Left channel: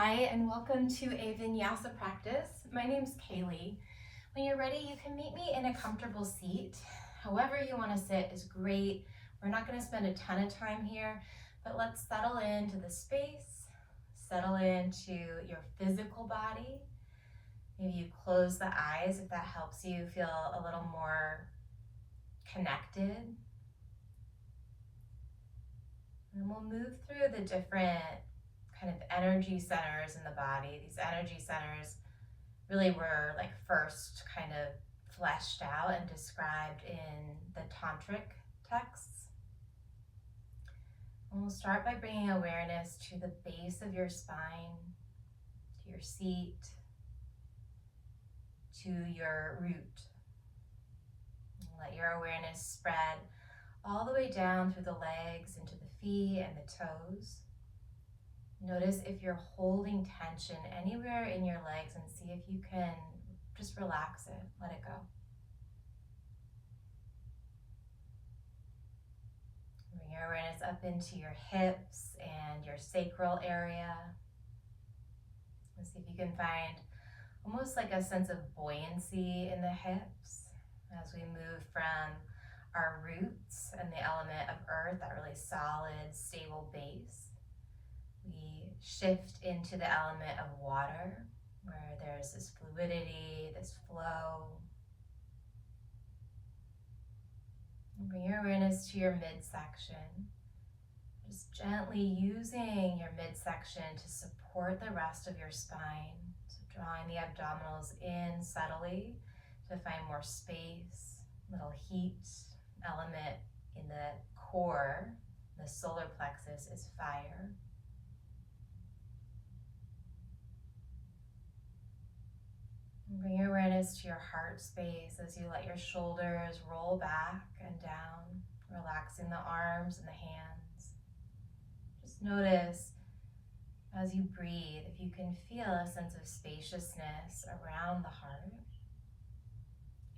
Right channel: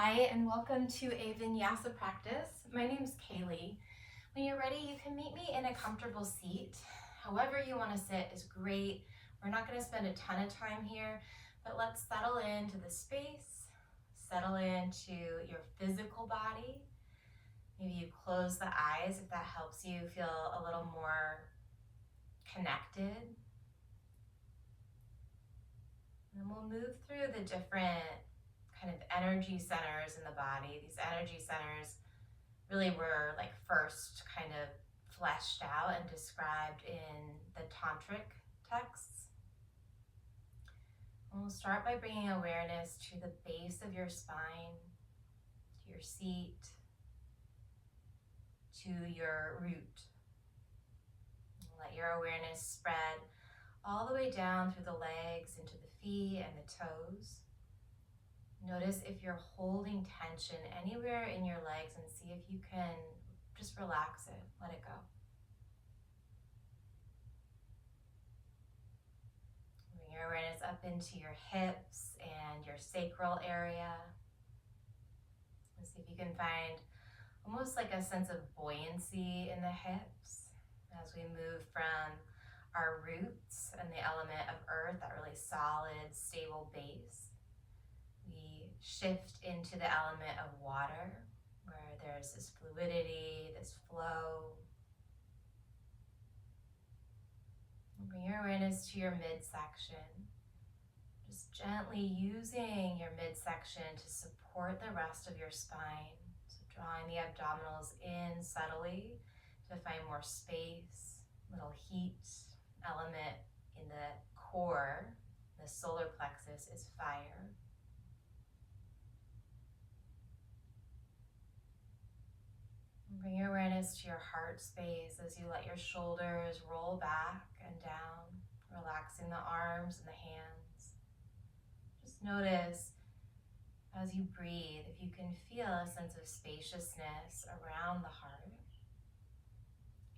Hi, and welcome to a vinyasa practice. My name's Kaylee. When you're ready, you can meet me in a comfortable seat. However you want to sit is great. We're not going to spend a ton of time here, but let's settle into the space, settle into your physical body. Maybe you close the eyes if that helps you feel a little more connected. And we'll move through the different kind of energy centers in the body. These energy centers really were like first kind of fleshed out and described in the tantric texts. And we'll start by bringing awareness to the base of your spine, to your seat, to your root. And let your awareness spread all the way down through the legs, into the feet and the toes. Notice if you're holding tension anywhere in your legs and see if you can just relax it, let it go. Bring your awareness up into your hips and your sacral area. And see if you can find almost like a sense of buoyancy in the hips as we move from our roots and the element of earth, that really solid, stable base. We shift into the element of water, where there's this fluidity, this flow. And bring your awareness to your midsection. Just gently using your midsection to support the rest of your spine. So drawing the abdominals in subtly to find more space, little heat element in the core. The solar plexus is fire. And bring your awareness to your heart space as you let your shoulders roll back and down, relaxing the arms and the hands. Just notice as you breathe, if you can feel a sense of spaciousness around the heart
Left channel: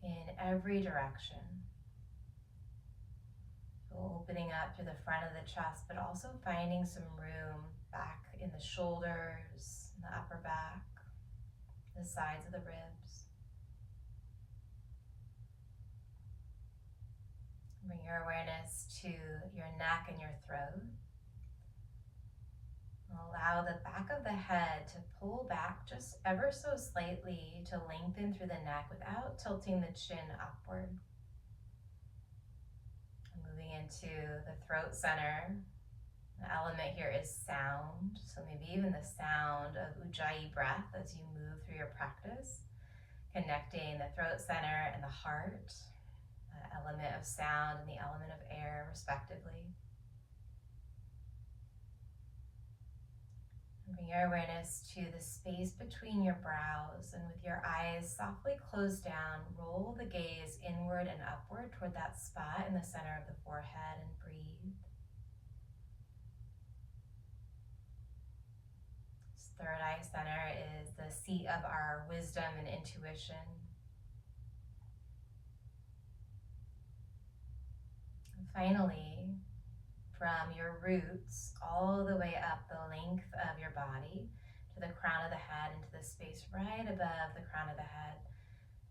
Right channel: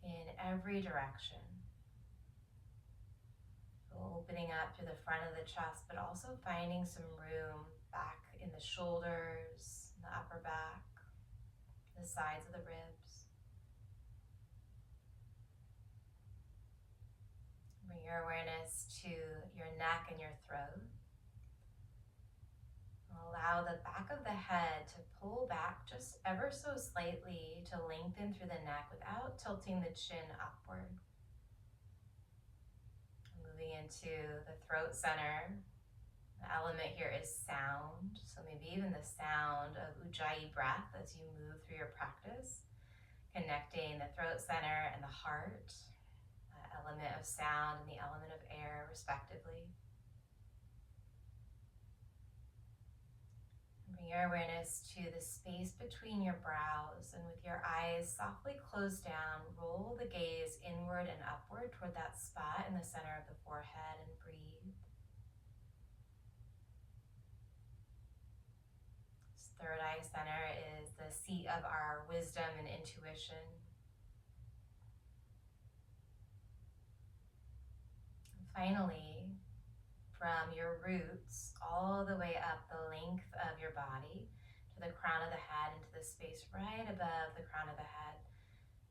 in every direction. So opening up to the front of the chest, but also finding some room back in the shoulders, the upper back, the sides of the ribs. Bring your awareness to your neck and your throat. Allow the back of the head to pull back just ever so slightly to lengthen through the neck without tilting the chin upward. Moving into the throat center. The element here is sound, so maybe even the sound of Ujjayi breath as you move through your practice, connecting the throat center and the heart, the element of sound and the element of air, respectively. Bring your awareness to the space between your brows, and with your eyes softly closed down, roll the gaze inward and upward toward that spot in the center of the forehead and breathe. This third eye center is the seat of our wisdom and intuition. And finally, from your roots all the way up the length of your body to the crown of the head, into the space right above the crown of the head.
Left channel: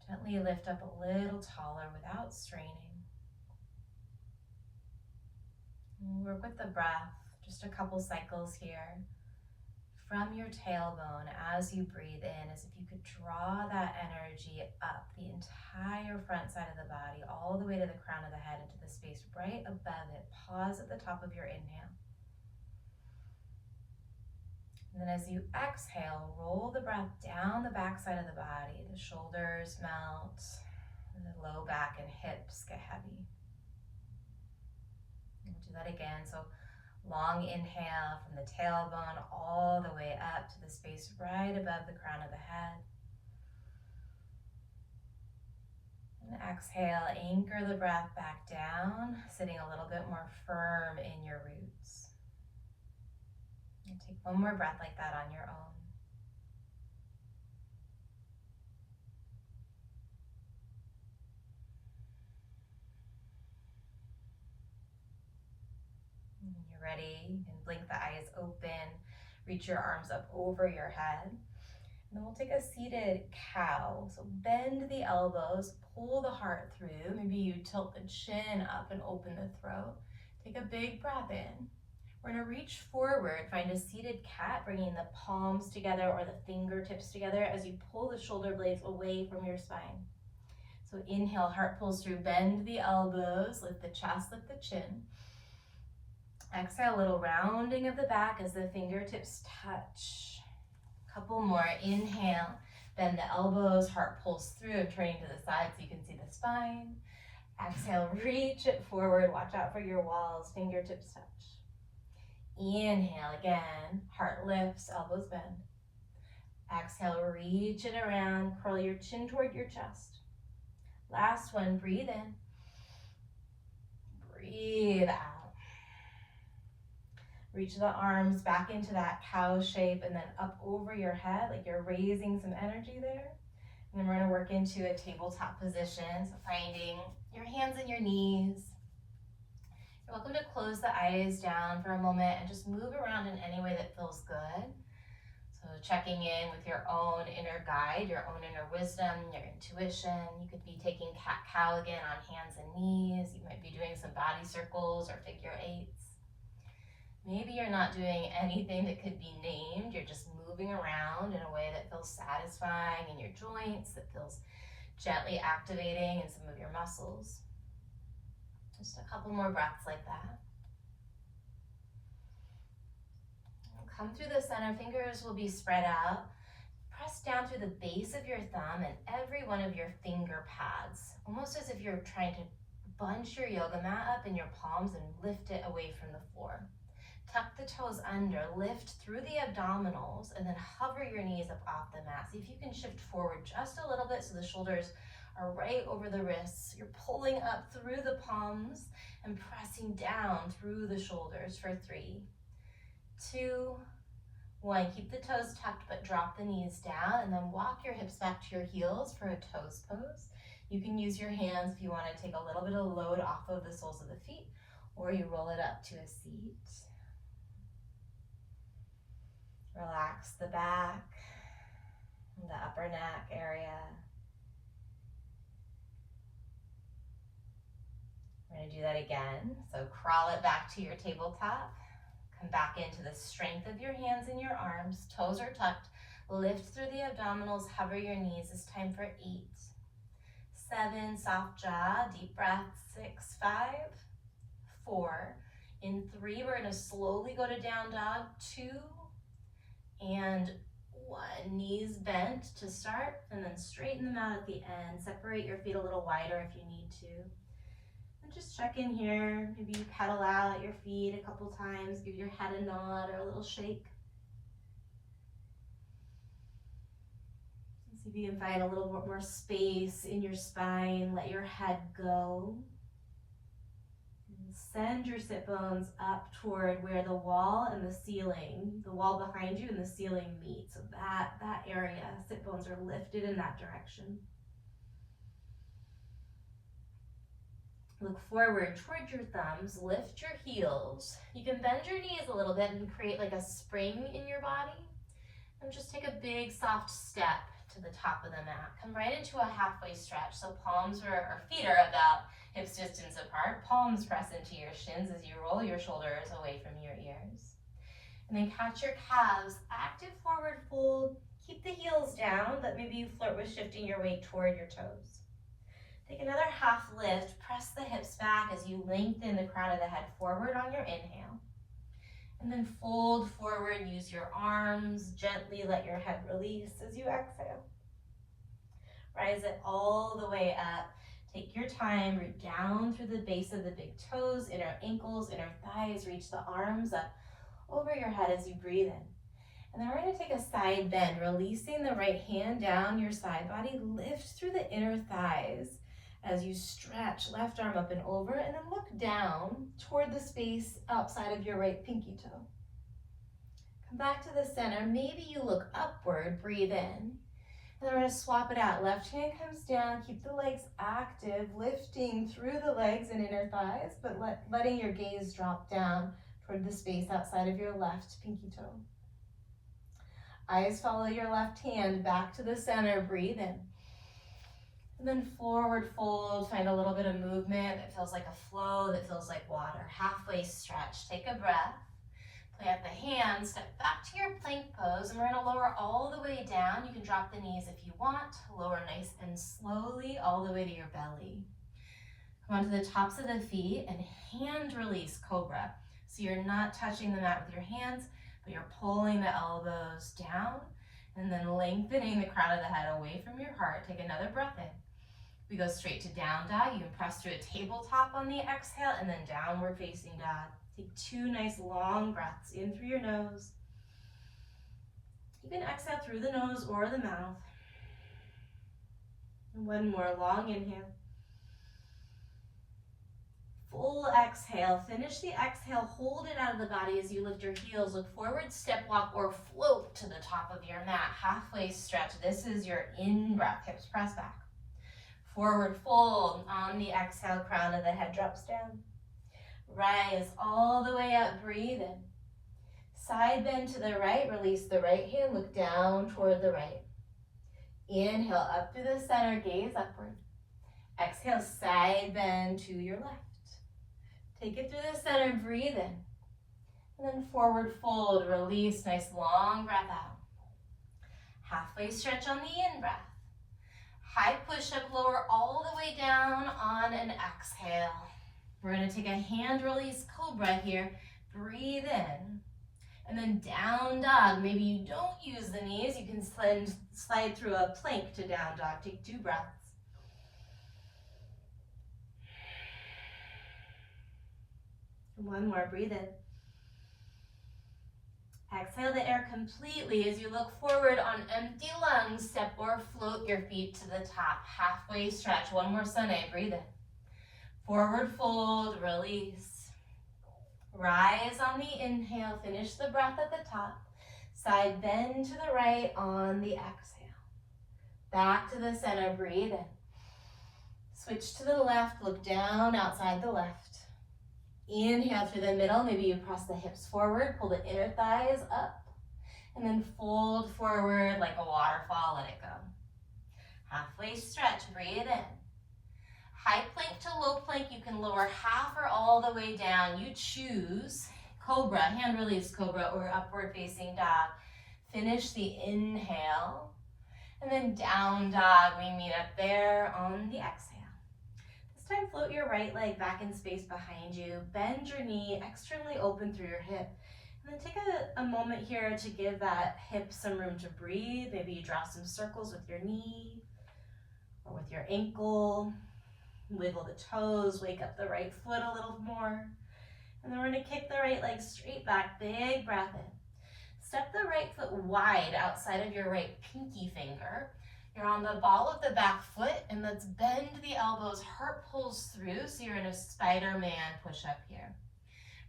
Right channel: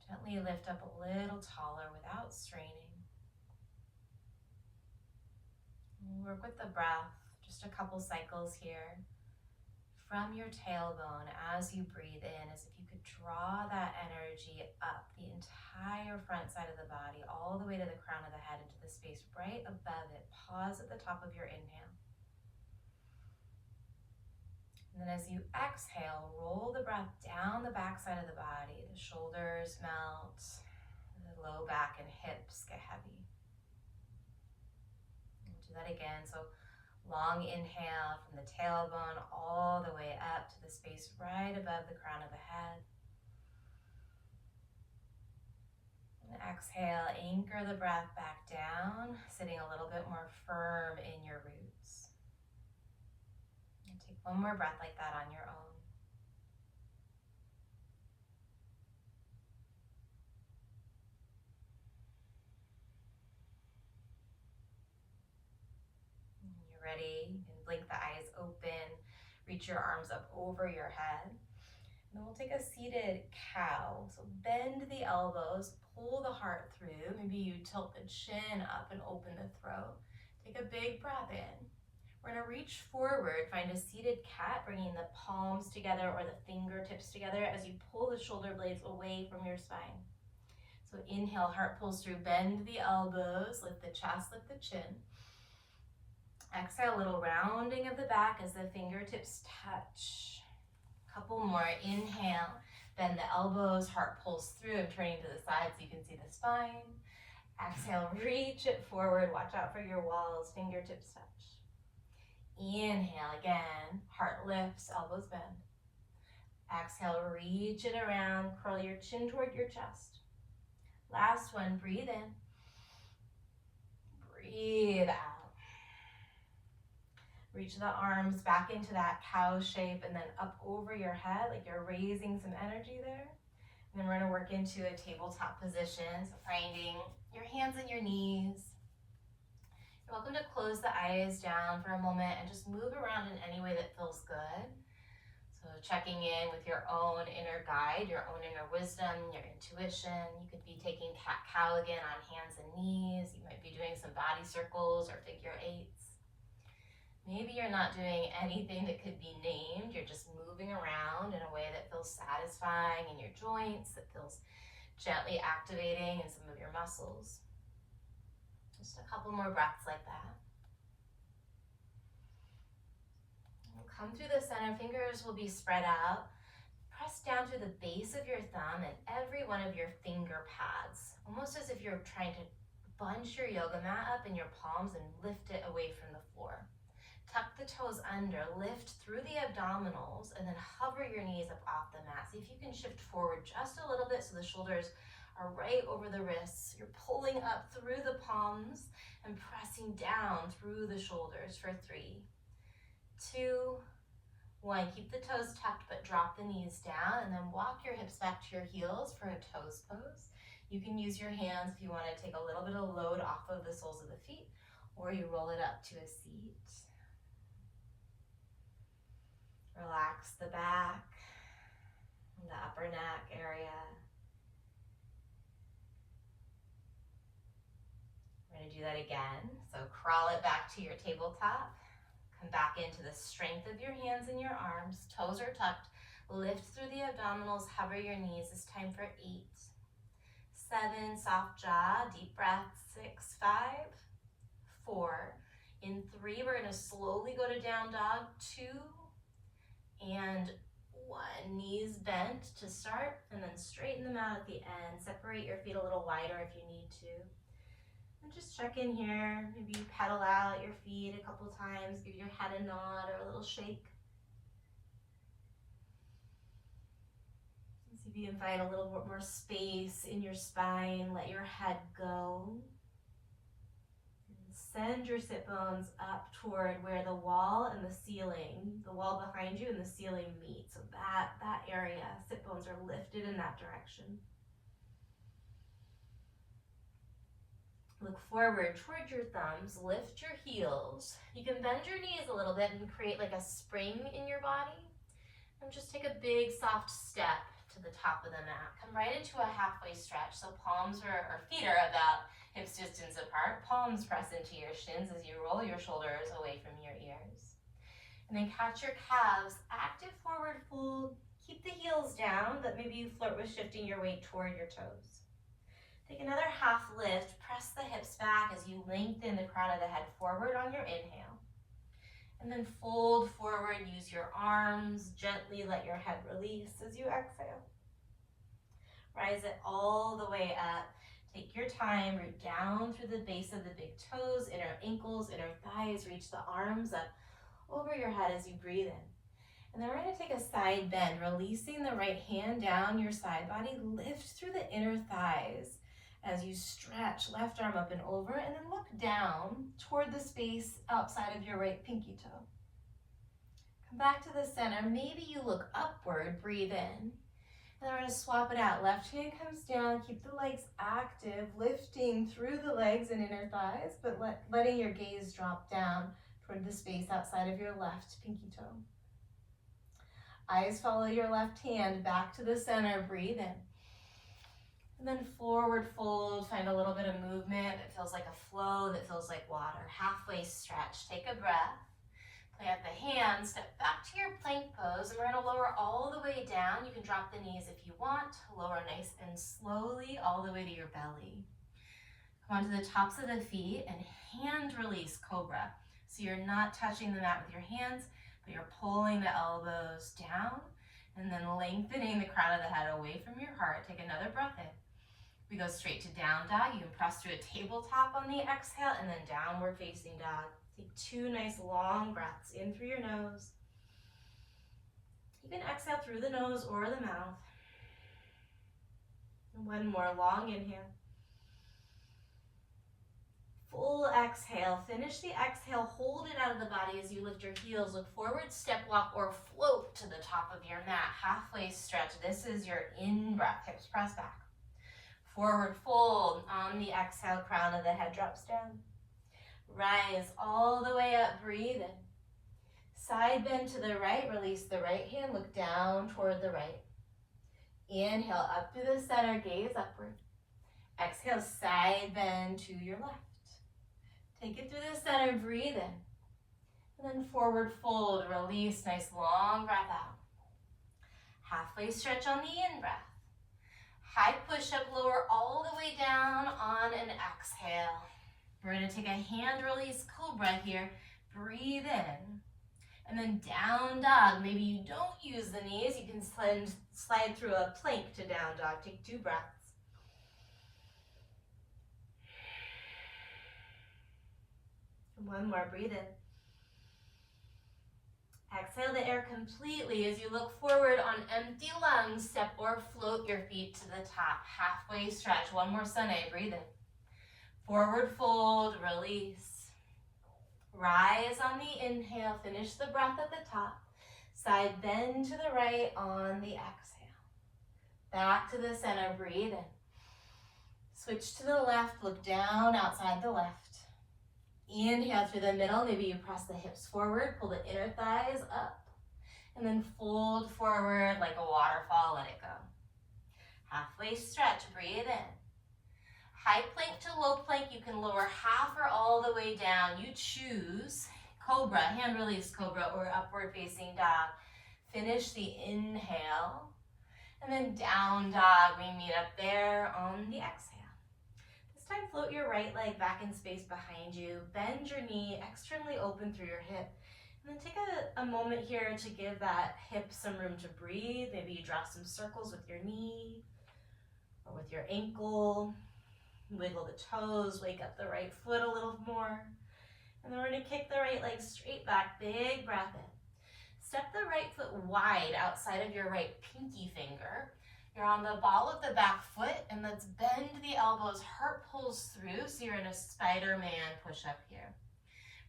Gently lift up a little taller without straining. And work with the breath, just a couple cycles here. From your tailbone, as you breathe in, as if you could draw that energy up the entire front side of the body, all the way to the crown of the head, into the space right above it. Pause at the top of your inhale. And then as you exhale, roll the breath down the back side of the body. The shoulders melt, and the low back and hips get heavy. And we'll do that again. So long inhale from the tailbone all the way up to the space right above the crown of the head. And exhale, anchor the breath back down, sitting a little bit more firm in your roots. And take one more breath like that on your own. And when you're ready, you can blink the eyes open, Reach your arms up over your head. And then we'll take a seated cow. So bend the elbows, pull the heart through. Maybe you tilt the chin up and open the throat. Take a big breath in. We're gonna reach forward, find a seated cat, bringing the palms together or the fingertips together as you pull the shoulder blades away from your spine. So inhale, heart pulls through, bend the elbows, lift the chest, lift the chin. Exhale, a little rounding of the back as the fingertips touch. Couple more, inhale, bend the elbows, heart pulls through. I'm turning to the side so you can see the spine. Exhale, reach it forward, watch out for your walls, fingertips touch. Inhale again, heart lifts, elbows bend. Exhale, reach it around, curl your chin toward your chest. Last one, breathe in. Breathe out. Reach the arms back into that cow shape and then up over your head like you're raising some energy there. And then we're gonna work into a tabletop position, so finding your hands and your knees. You're welcome to close the eyes down for a moment and just move around in any way that feels good. So checking in with your own inner guide, your own inner wisdom, your intuition. You could be taking cat-cow again on hands and knees. You might be doing some body circles or figure eights. Maybe you're not doing anything that could be named. You're just moving around in a way that feels satisfying in your joints, that feels gently activating in some of your muscles. Just a couple more breaths like that. Come through the center, fingers will be spread out. Press down through the base of your thumb and every one of your finger pads, almost as if you're trying to bunch your yoga mat up in your palms and lift it away from the floor. Tuck the toes under, lift through the abdominals, and then hover your knees up off the mat. See if you can shift forward just a little bit so the shoulders are right over the wrists. You're pulling up through the palms and pressing down through the shoulders for 3, 2, 1. Keep the toes tucked but drop the knees down and then walk your hips back to your heels for a toes pose. You can use your hands if you want to take a little bit of load off of the soles of the feet, or you roll it up to a seat. Relax the back and the upper neck area. We're going to do that again. So crawl it back to your tabletop. Come back into the strength of your hands and your arms. Toes are tucked. Lift through the abdominals. Hover your knees. It's time for 8, 7, soft jaw, deep breath. 6, 5, 4. In 3, we're going to slowly go to down dog. 2, and 1. Knees bent to start, and then straighten them out at the end. Separate your feet a little wider if you need to. And just check in here. Maybe you pedal out your feet a couple times. Give your head a nod or a little shake. See if you can find a little bit more space in your spine. Let your head go. Send your sit bones up toward where the wall and the ceiling, the wall behind you and the ceiling meet. So that area, sit bones are lifted in that direction. Look forward toward your thumbs, lift your heels. You can bend your knees a little bit and create like a spring in your body. And just take a big soft step to the top of the mat. Come right into a halfway stretch. So palms or feet are about hips distance apart. Palms press into your shins as you roll your shoulders away from your ears. And then catch your calves, active forward fold. Keep the heels down, but maybe you flirt with shifting your weight toward your toes. Take another half lift. Press the hips back as you lengthen the crown of the head forward on your inhale. And then fold forward, use your arms, gently let your head release as you exhale. Rise it all the way up. Take your time, root down through the base of the big toes, inner ankles, inner thighs. Reach the arms up over your head as you breathe in. And then we're going to take a side bend, releasing the right hand down your side body. Lift through the inner thighs as you stretch, left arm up and over, and then look down toward the space outside of your right pinky toe. Come back to the center. Maybe you look upward, breathe in. And then we're going to swap it out. Left hand comes down, keep the legs active, lifting through the legs and inner thighs, but letting your gaze drop down toward the space outside of your left pinky toe. Eyes follow your left hand back to the center, breathe in. And then forward fold, find a little bit of movement that feels like a flow, that feels like water. Halfway stretch, take a breath. Plant the hands, step back to your plank pose, and we're gonna lower all the way down. You can drop the knees if you want. Lower nice and slowly all the way to your belly. Come onto the tops of the feet and hand release cobra. So you're not touching the mat with your hands, but you're pulling the elbows down and then lengthening the crown of the head away from your heart. Take another breath in. We go straight to down dog. You can press through a tabletop on the exhale and then downward facing dog. Take 2 nice long breaths in through your nose. You can exhale through the nose or the mouth. And 1 more long inhale. Full exhale. Finish the exhale. Hold it out of the body as you lift your heels. Look forward, step walk, or float to the top of your mat. Halfway stretch. This is your in-breath. Hips press back. Forward fold. On the exhale, crown of the head drops down. Rise all the way up. Breathe in. Side bend to the right. Release the right hand. Look down toward the right. Inhale up through the center. Gaze upward. Exhale, side bend to your left. Take it through the center, breathe in. And then forward fold, release, nice long breath out. Halfway stretch on the in-breath. High push-up, lower all the way down on an exhale. We're gonna take a hand release cobra here. Breathe in. And then down dog. Maybe you don't use the knees. You can slide through a plank to down dog. Take 2 breaths. One more, breathe in. Exhale the air completely as you look forward on empty lungs. Step or float your feet to the top. Halfway stretch. 1 more sunny, breathe in. Forward fold, release. Rise on the inhale, finish the breath at the top. Side bend to the right on the exhale. Back to the center, breathe in. Switch to the left, look down outside the left. Inhale through the middle, maybe you press the hips forward, pull the inner thighs up, and then fold forward like a waterfall, let it go. Halfway stretch, breathe in. High plank to low plank, you can lower half or all the way down. You choose cobra, hand release cobra, or upward facing dog. Finish the inhale, and then down dog, we meet up there on the exhale. Time, float your right leg back in space behind you. Bend your knee externally open through your hip. And then take a moment here to give that hip some room to breathe. Maybe you draw some circles with your knee or with your ankle. Wiggle the toes, wake up the right foot a little more. And then we're gonna kick the right leg straight back, big breath in. Step the right foot wide outside of your right pinky finger. You're on the ball of the back foot, and let's bend the elbows, heart pulls through, so you're in a Spider-Man push-up here.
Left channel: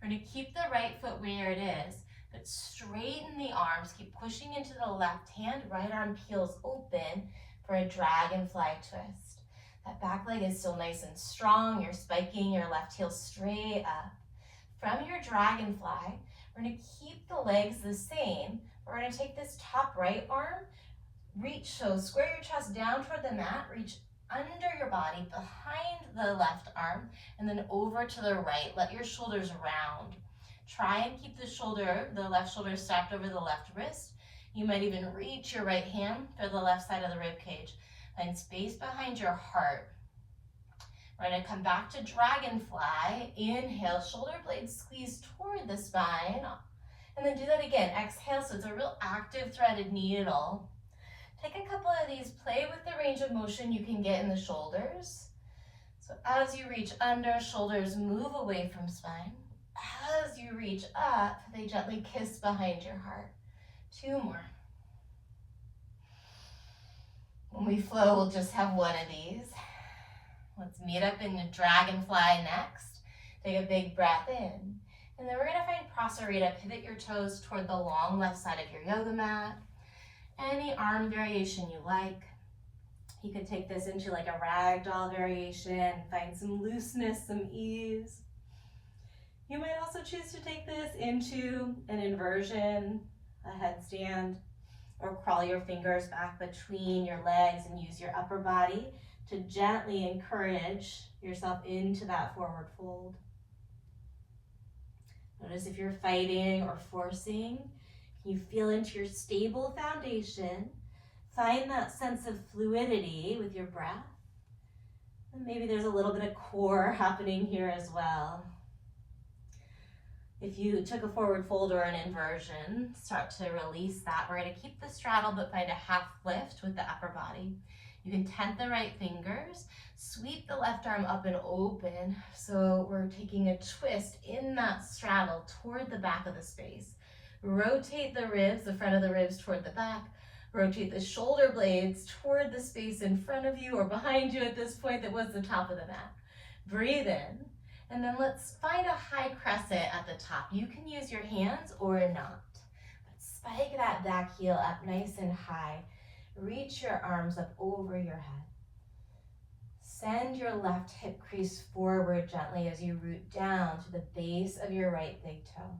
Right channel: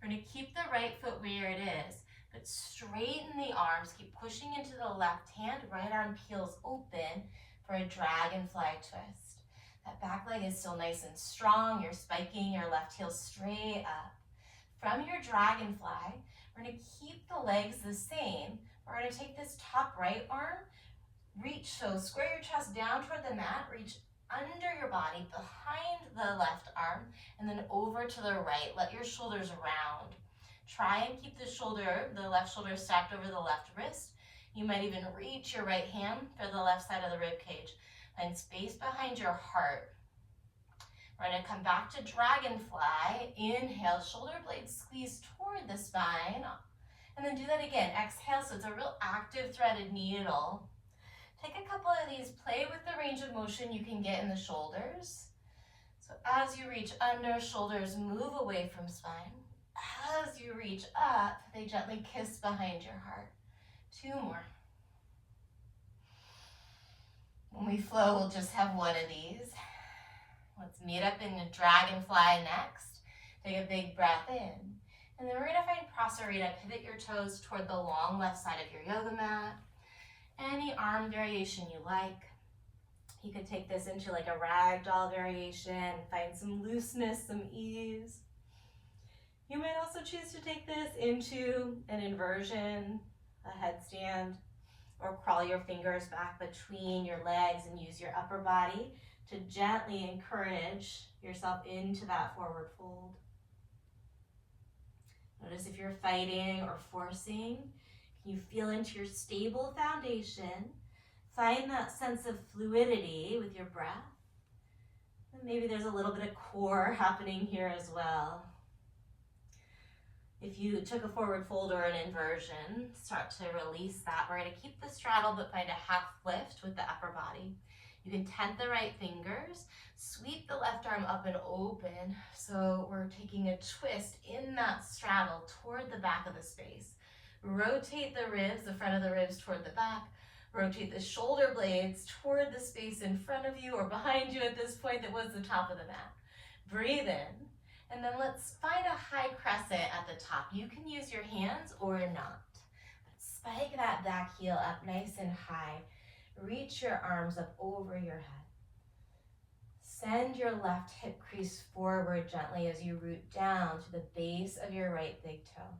We're gonna keep the right foot where it is, but straighten the arms, keep pushing into the left hand, right arm peels open for a dragonfly twist. That back leg is still nice and strong, you're spiking your left heel straight up. From your dragonfly, we're gonna keep the legs the same. We're gonna take this top right arm, reach, so square your chest down toward the mat, reach under your body, behind the left arm, and then over to the right. Let your shoulders round. Try and keep the left shoulder stacked over the left wrist. You might even reach your right hand for the left side of the rib cage. Find space behind your heart. We're gonna come back to dragonfly. Inhale, shoulder blades squeeze toward the spine. And then do that again. Exhale, so it's a real active threaded needle. Take a couple of these, play with the range of motion you can get in the shoulders. So as you reach under, shoulders move away from spine. As you reach up, they gently kiss behind your heart. 2 more. When we flow, we'll just have 1 of these. Let's meet up in the dragonfly next. Take a big breath in. And then we're gonna find prasarita. Pivot your toes toward the long left side of your yoga mat. Any arm variation you like. You could take this into like a ragdoll variation, find some looseness, some ease. You might also choose to take this into an inversion, a headstand, or crawl your fingers back between your legs and use your upper body to gently encourage yourself into that forward fold. Notice if you're fighting or forcing, can you feel into your stable foundation? Find that sense of fluidity with your breath. And maybe there's a little bit of core happening here as well. If you took a forward fold or an inversion, start to release that. We're going to keep the straddle but find a half lift with the upper body. You can tent the right fingers, sweep the left arm up and open. So we're taking a twist in that straddle toward the back of the space. Rotate the ribs, the front of the ribs toward the back. Rotate the shoulder blades toward the space in front of you or behind you at this point that was the top of the mat. Breathe in, and then let's find a high crescent at the top. You can use your hands or not, but spike that back heel up nice and high. Reach your arms up over your head. Send your left hip crease forward gently as you root down to the base of your right big toe.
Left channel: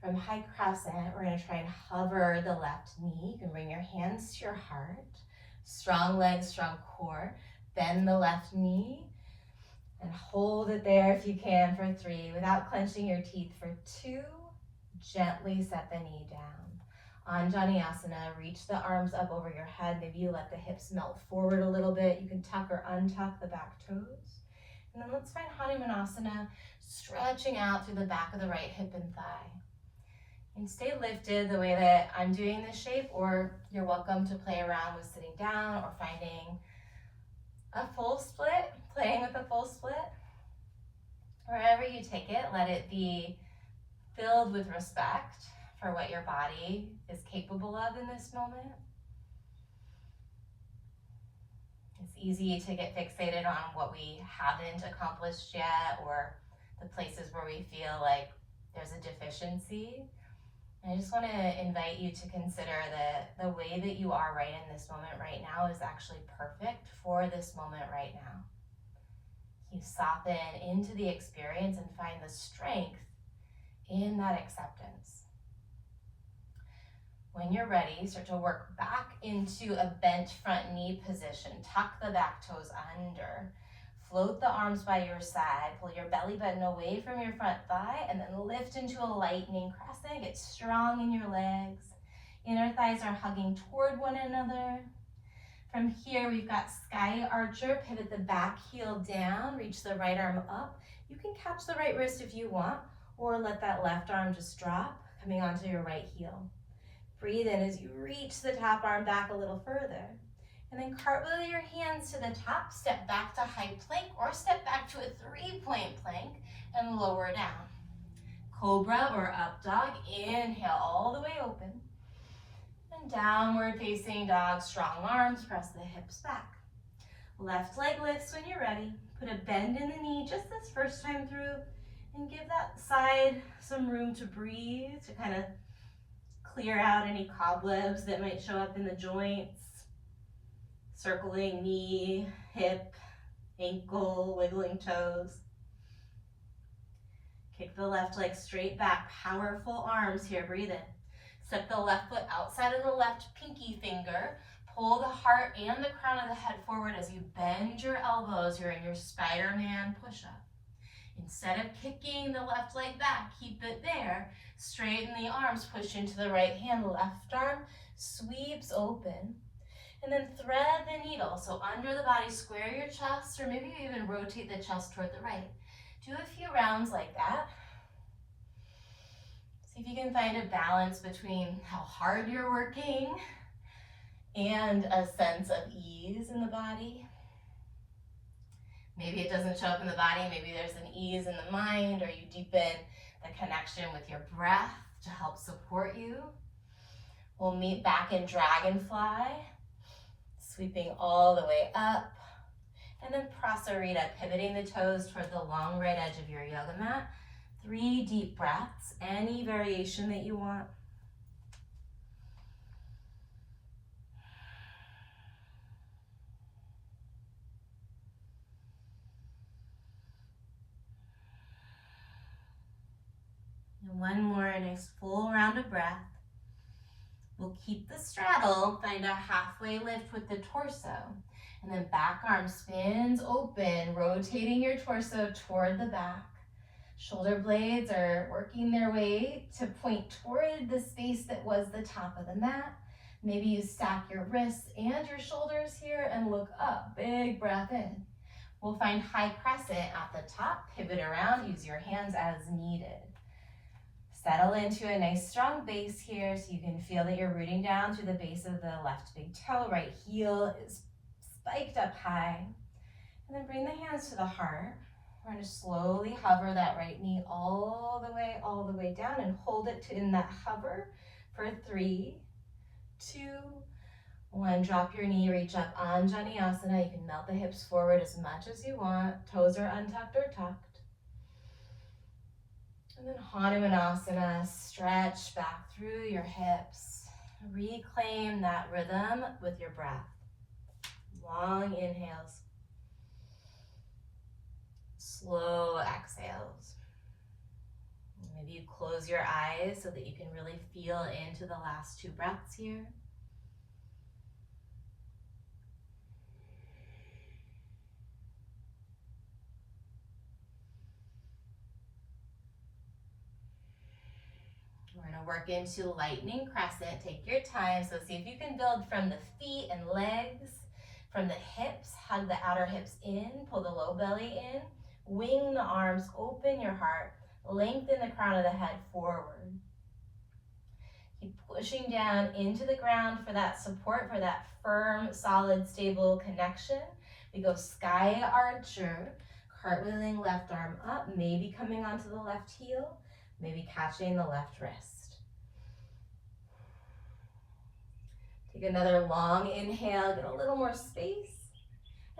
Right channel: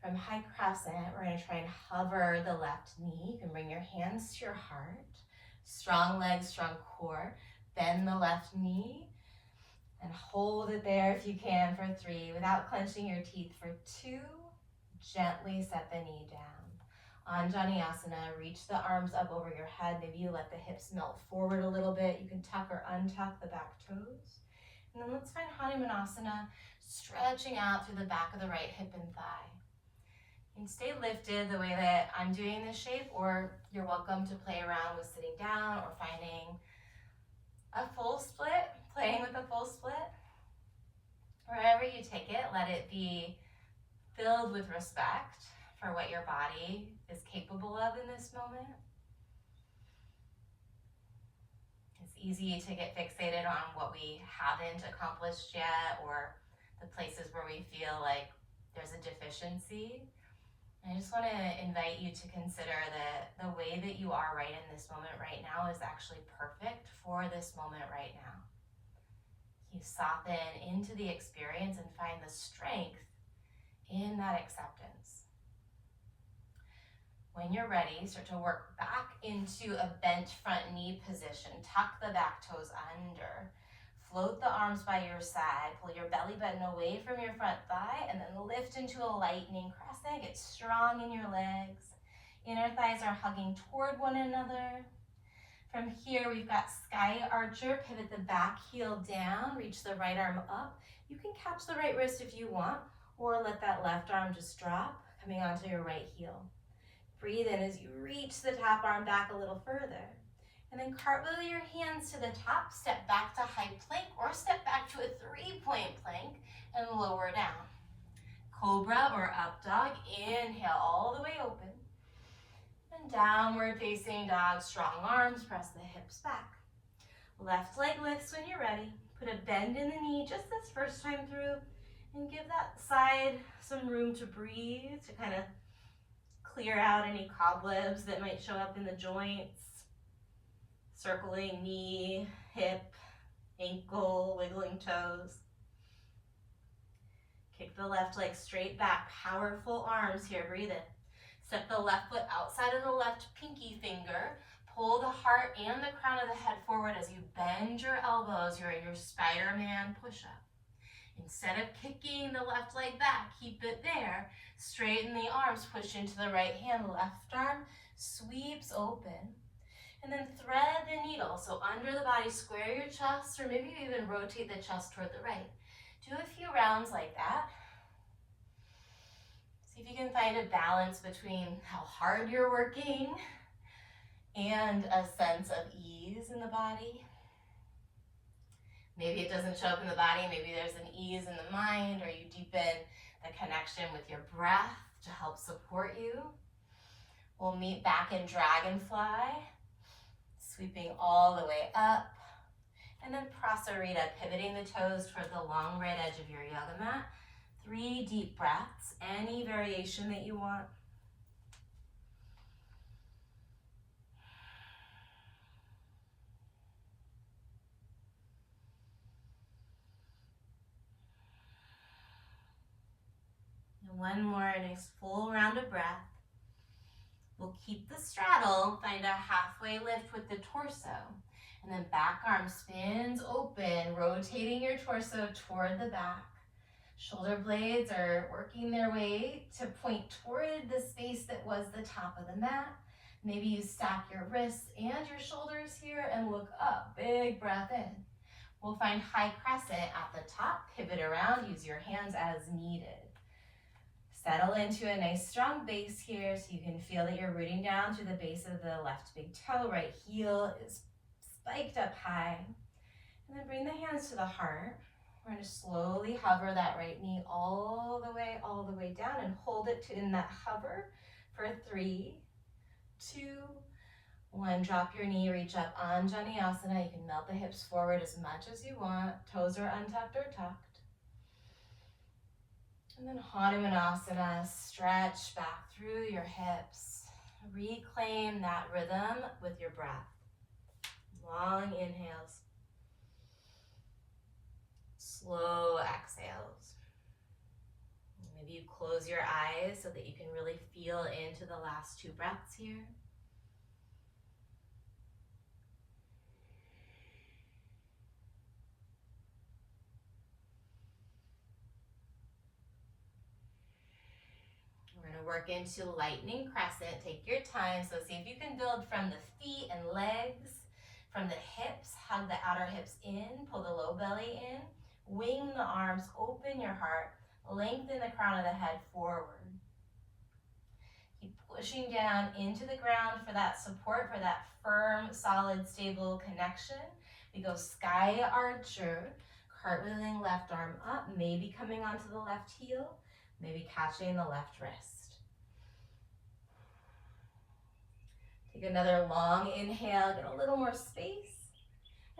From high crescent, we're going to try and hover the left knee. You can bring your hands to your heart. Strong legs, strong core. Bend the left knee and hold it there if you can for 3 without clenching your teeth for 2. Gently set the knee down. Anjaneyasana, reach the arms up over your head. Maybe you let the hips melt forward a little bit. You can tuck or untuck the back toes. And then let's find Hanumanasana, stretching out through the back of the right hip and thigh. And stay lifted the way that I'm doing this shape, or you're welcome to play around with sitting down or finding a full split, playing with a full split. Wherever you take it, let it be filled with respect for what your body is capable of in this moment. It's easy to get fixated on what we haven't accomplished yet or the places where we feel like there's a deficiency. I just want to invite you to consider that the way that you are right in this moment right now is actually perfect for this moment right now. You soften into the experience and find the strength in that acceptance. When you're ready, start to work back into a bent front knee position. Tuck the back toes under. Float the arms by your side. Pull your belly button away from your front thigh and then lift into a lightning crescent. Get strong in your legs. Inner thighs are hugging toward one another. From here, we've got sky archer. Pivot the back heel down. Reach the right arm up. You can catch the right wrist if you want, or let that left arm just drop, coming onto your right heel. Breathe in as you reach the top arm back a little further. And then cartwheel your hands to the top, step back to high plank or step back to a 3-point plank and lower down. Cobra or up dog, inhale all the way open. And downward facing dog, strong arms, press the hips back. Left leg lifts when you're ready. Put a bend in the knee just this first time through and give that side some room to breathe, to kind of clear out any cobwebs that might show up in the joints. Circling knee, hip, ankle, wiggling toes. Kick the left leg straight back, powerful arms here, breathe in. Step the left foot outside of the left pinky finger. Pull the heart and the crown of the head forward as you bend your elbows. You're in your Spider-Man push-up. Instead of kicking the left leg back, keep it there. Straighten the arms, push into the right hand. Left arm sweeps open. And then thread the needle. So under the body, square your chest, or maybe even rotate the chest toward the right. Do a few rounds like that. See if you can find a balance between how hard you're working and a sense of ease in the body. Maybe it doesn't show up in the body, maybe there's an ease in the mind, or you deepen the connection with your breath to help support you. We'll meet back in dragonfly, sweeping all the way up. And then prasarita, pivoting the toes toward the long right edge of your yoga mat. 3 deep breaths, any variation that you want. And one more, nice full round of breath. We'll keep the straddle, find a halfway lift with the torso. And then back arm spins open, rotating your torso toward the back. Shoulder blades are working their way to point toward the space that was the top of the mat. Maybe you stack your wrists and your shoulders here and look up, big breath in. We'll find high crescent at the top, pivot around, use your hands as needed. Settle into a nice strong base here so you can feel that you're rooting down through the base of the left big toe. Right heel is spiked up high. And then bring the hands to the heart. We're going to slowly hover that right knee all the way down and hold it in that hover for 3, 2, 1. Drop your knee, reach up, Anjaneyasana. You can melt the hips forward as much as you want. Toes are untucked or tucked. And then Hanumanasana, stretch back through your hips. Reclaim that rhythm with your breath. Long inhales. Slow exhales. Maybe you close your eyes so that you can really feel into the last 2 breaths here. We're going to work into lightning crescent. Take your time. So see if you can build from the feet and legs, from the hips. Hug the outer hips in, pull the low belly in. Wing the arms, open your heart. Lengthen the crown of the head forward. Keep pushing down into the ground for that support, for that firm, solid, stable connection. We go sky archer, cartwheeling left arm up, maybe coming onto the left heel, maybe catching the left wrist. Take another long inhale, get a little more space.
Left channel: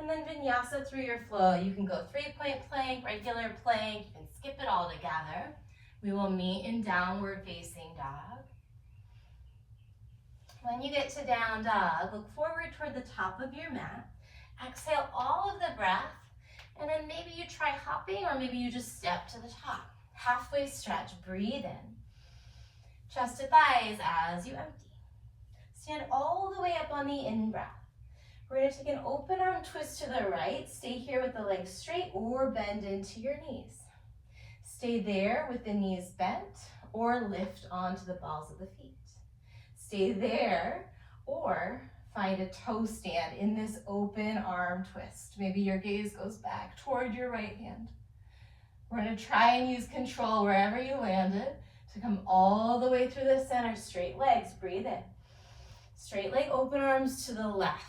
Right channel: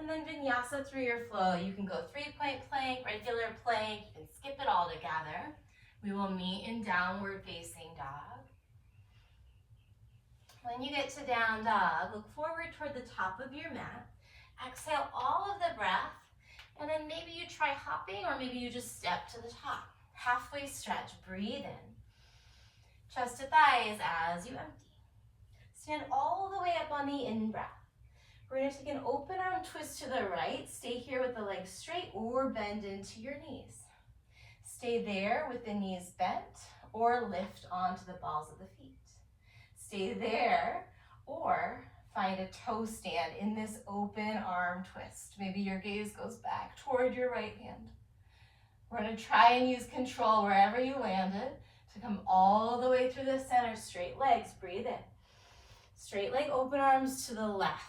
And then vinyasa through your flow. You can go 3-point plank, regular plank, you can skip it all together. We will meet in downward facing dog. When you get to down dog, look forward toward the top of your mat. Exhale all of the breath, and then maybe you try hopping or maybe you just step to the top. Halfway stretch, breathe in. Chest to thighs as you empty. Stand all the way up on the in-breath. We're going to take an open arm twist to the right. Stay here with the legs straight or bend into your knees. Stay there with the knees bent or lift onto the balls of the feet. Stay there or find a toe stand in this open arm twist. Maybe your gaze goes back toward your right hand. We're going to try and use control wherever you landed to come all the way through the center. Straight legs, breathe in. Straight leg, open arms to the left.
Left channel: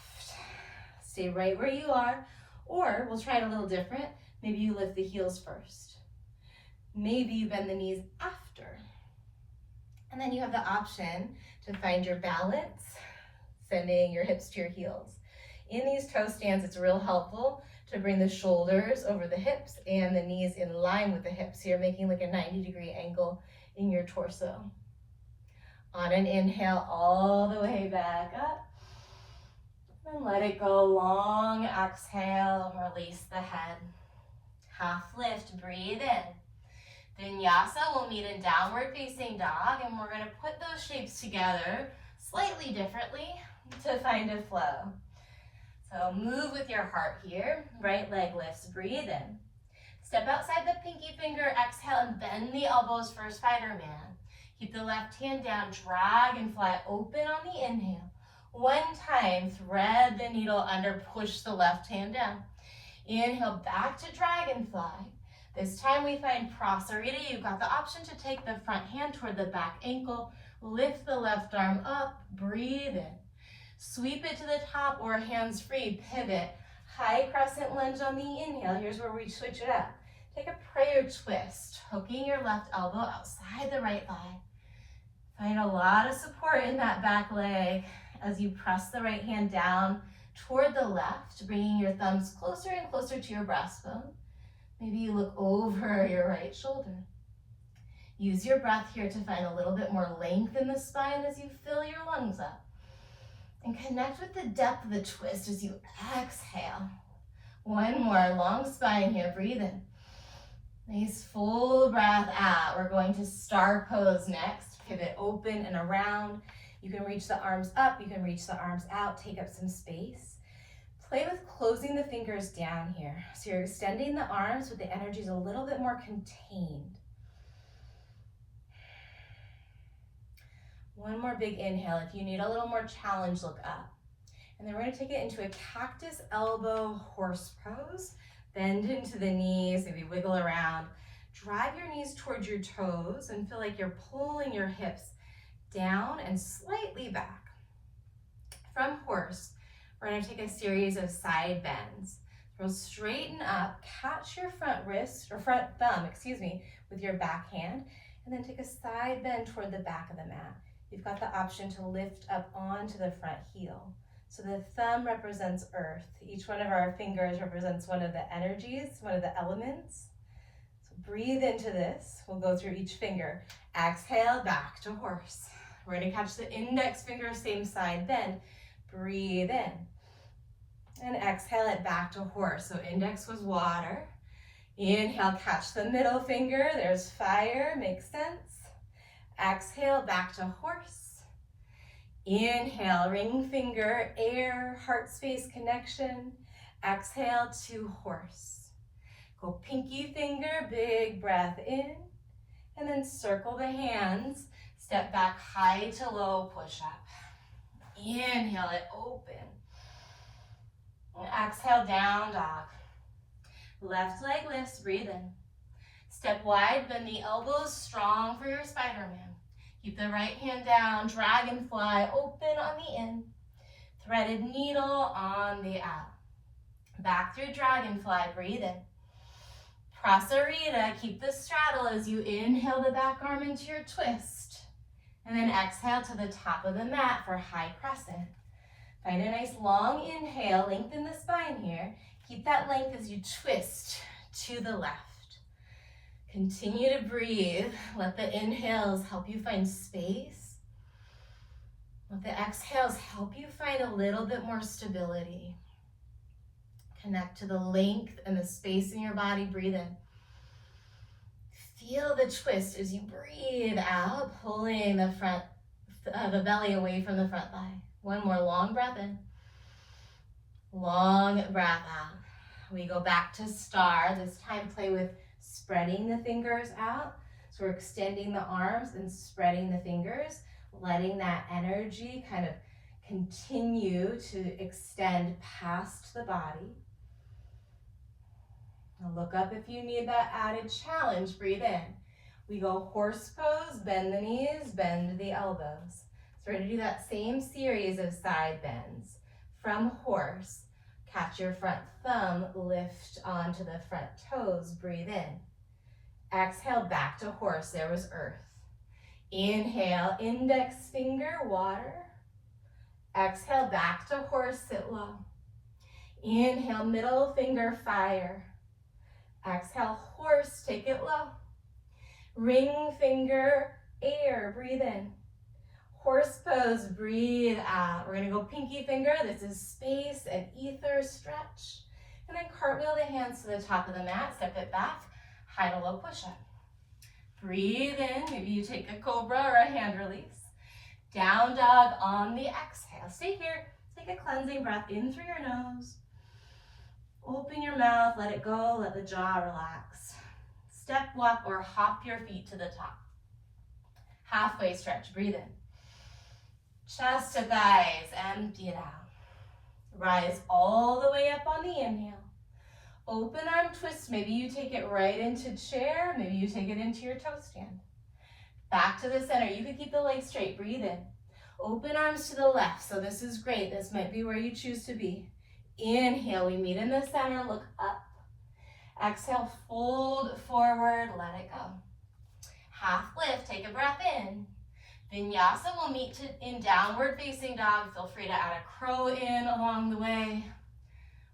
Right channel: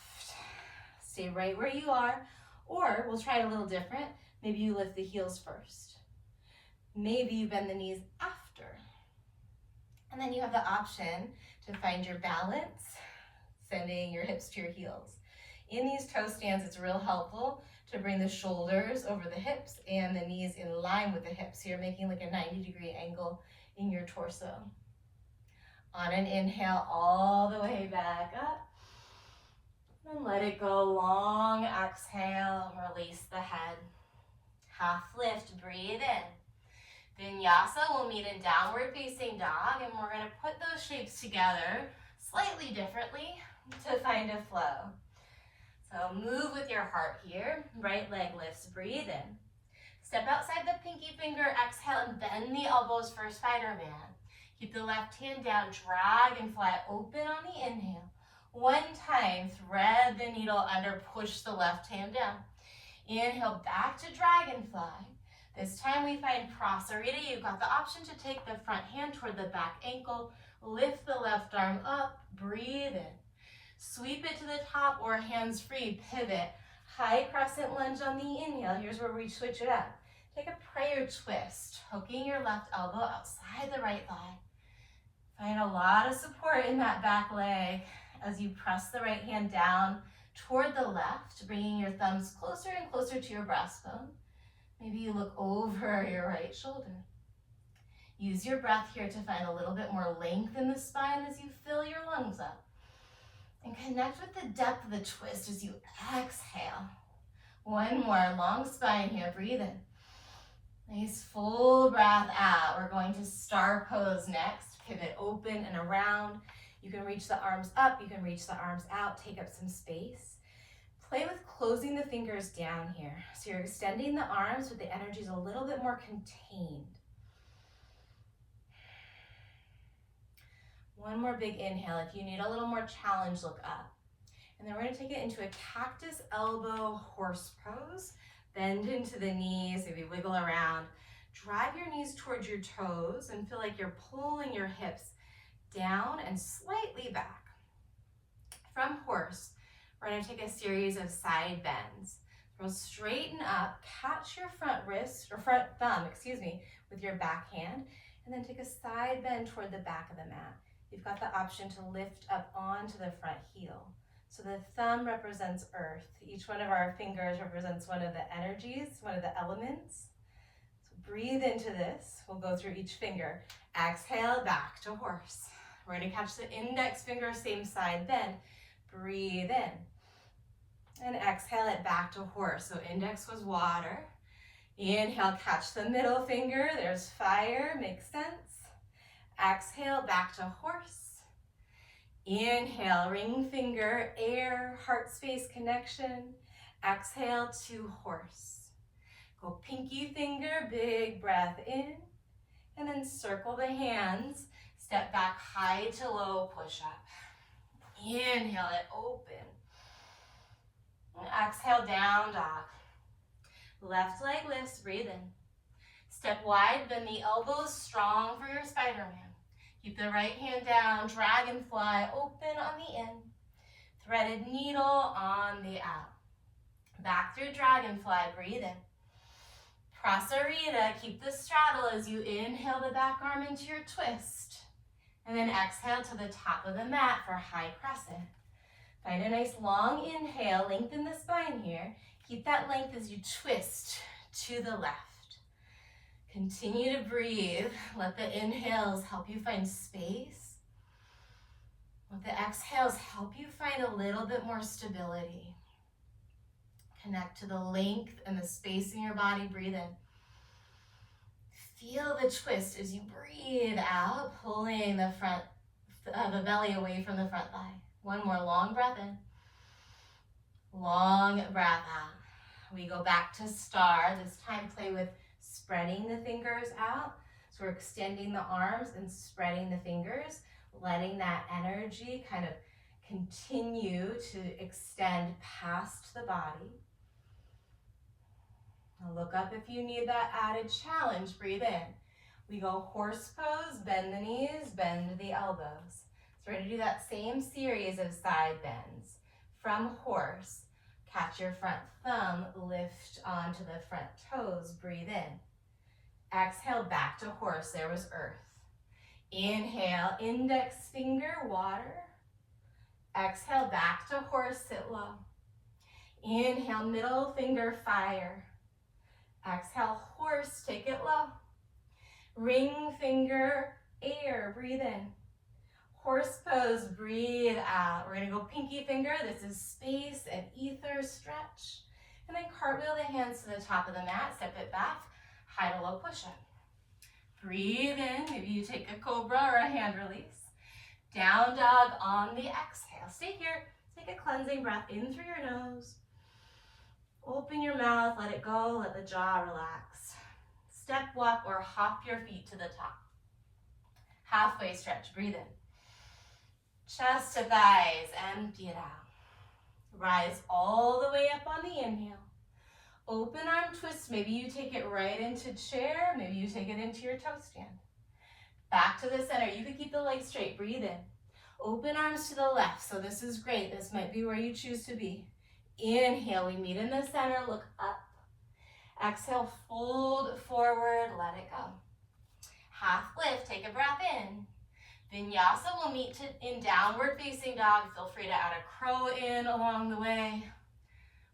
Stay right where you are, or we'll try it a little different. Maybe you lift the heels first. Maybe you bend the knees after. And then you have the option to find your balance, sending your hips to your heels. In these toe stands, it's real helpful to bring the shoulders over the hips and the knees in line with the hips. So you're making like a 90-degree angle in your torso. On an inhale, all the way back up. And let it go, long exhale, release the head. Half lift, breathe in. Vinyasa will meet in downward facing dog, and we're going to put those shapes together slightly differently to find a flow. So move with your heart here. Right leg lifts, breathe in. Step outside the pinky finger, exhale, and bend the elbows for Spider-Man. Keep the left hand down, dragonfly open on the inhale. 1 time, thread the needle under, push the left hand down. Inhale, back to dragonfly. This time we find prasarita. You've got the option to take the front hand toward the back ankle, lift the left arm up, breathe in. Sweep it to the top or hands free, pivot. High crescent lunge on the inhale. Here's where we switch it up. Take a prayer twist, hooking your left elbow outside the right thigh. Find a lot of support in that back leg as you press the right hand down toward the left, bringing your thumbs closer and closer to your breastbone. Maybe you look over your right shoulder. Use your breath here to find a little bit more length in the spine as you fill your lungs up. And connect with the depth of the twist as you exhale. 1 more, long spine here, breathe in. Nice full breath out. We're going to star pose next. Pivot open and around. You can reach the arms up, you can reach the arms out, take up some space. Play with closing the fingers down here. So you're extending the arms, but the energy is a little bit more contained. One more big inhale. If you need a little more challenge, look up. And then we're gonna take it into a cactus elbow horse pose. Bend into the knees, maybe wiggle around. Drive your knees towards your toes and feel like you're pulling your hips down and slightly back. From horse, we're gonna take a series of side bends. So straighten up, catch your front wrist, or front thumb, with your back hand, and then take a side bend toward the back of the mat. You've got the option to lift up onto the front heel. So the thumb represents earth. Each one of our fingers represents one of the energies, one of the elements. So breathe into this. We'll go through each finger. Exhale, back to horse. We're gonna catch the index finger, same side bend. Breathe in. And exhale it back to horse. So index was water. Inhale, catch the middle finger. There's fire, makes sense. Exhale, back to horse. Inhale, ring finger, air, heart space connection. Exhale to horse. Go pinky finger, big breath in. And then circle the hands. Step back high to low, push up. Inhale it, open. And exhale, down dog. Left leg lifts, breathe in. Step wide, bend the elbows strong for your Spider-Man. Keep the right hand down, dragonfly, open on the in. Threaded needle on the out. Back through dragonfly, breathe in. Prasarita, keep the straddle as you inhale the back arm into your twist. And then exhale to the top of the mat for high crescent. Find a nice long inhale, lengthen the spine here. Keep that length as you twist to the left. Continue to breathe. Let the inhales help you find space. Let the exhales help you find a little bit more stability. Connect to the length and the space in your body. Breathe in. Feel the twist as you breathe out, pulling the belly away from the front thigh. One more long breath in. Long breath out. We go back to star. This time play with spreading the fingers out. So we're extending the arms and spreading the fingers, letting that energy kind of continue to extend past the body. Now look up if you need that added challenge. Breathe in. We go horse pose, bend the knees, bend the elbows. So we're going to do that same series of side bends. From horse, catch your front thumb, lift onto the front toes, breathe in. Exhale, back to horse, there was earth. Inhale, index finger, water. Exhale, back to horse, sit low. Inhale, middle finger, fire. Exhale, horse, take it low. Ring finger, air, breathe in. Horse pose, breathe out. We're gonna go pinky finger, this is space and ether stretch. And then cartwheel the hands to the top of the mat, step it back. High to low push-up. Breathe in, maybe you take a cobra or a hand release. Down dog on the exhale. Stay here, take a cleansing breath in through your nose. Open your mouth, let it go, let the jaw relax. Step, walk, or hop your feet to the top. Halfway stretch, breathe in. Chest to thighs, empty it out. Rise all the way up on the inhale. Open arm twist, maybe you take it right into chair, maybe you take it into your toe stand. Back to the center, you could keep the legs straight, breathe in. Open arms to the left, so this is great, this might be where you choose to be. Inhale, we meet in the center, look up. Exhale, fold forward, let it go. Half lift, take a breath in. Vinyasa will meet in downward facing dog. Feel free to add a crow in along the way.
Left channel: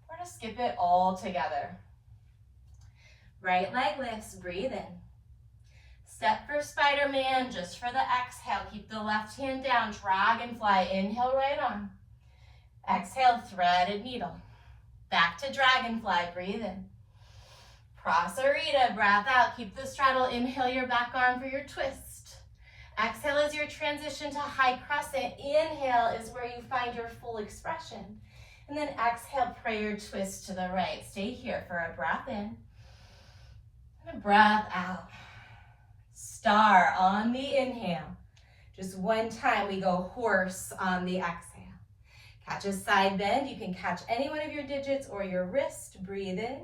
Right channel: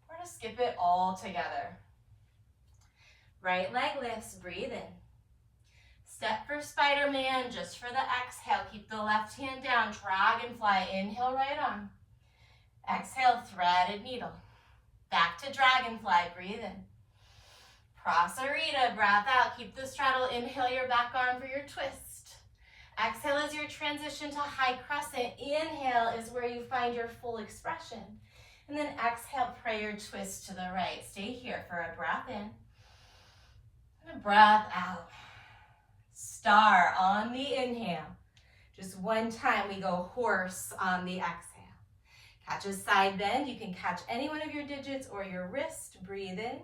Or to skip it all together. Right leg lifts, breathe in. Step for Spider-Man, just for the exhale. Keep the left hand down, dragonfly, inhale, right arm. Exhale, threaded needle. Back to dragonfly, breathe in. Prasarita, breath out, keep the straddle, inhale your back arm for your twist. Exhale is your transition to high crescent. Inhale is where you find your full expression. And then exhale, prayer twist to the right. Stay here for a breath in and a breath out. Star on the inhale. Just one time we go horse on the exhale. Catch a side bend. You can catch any one of your digits or your wrist. Breathe in.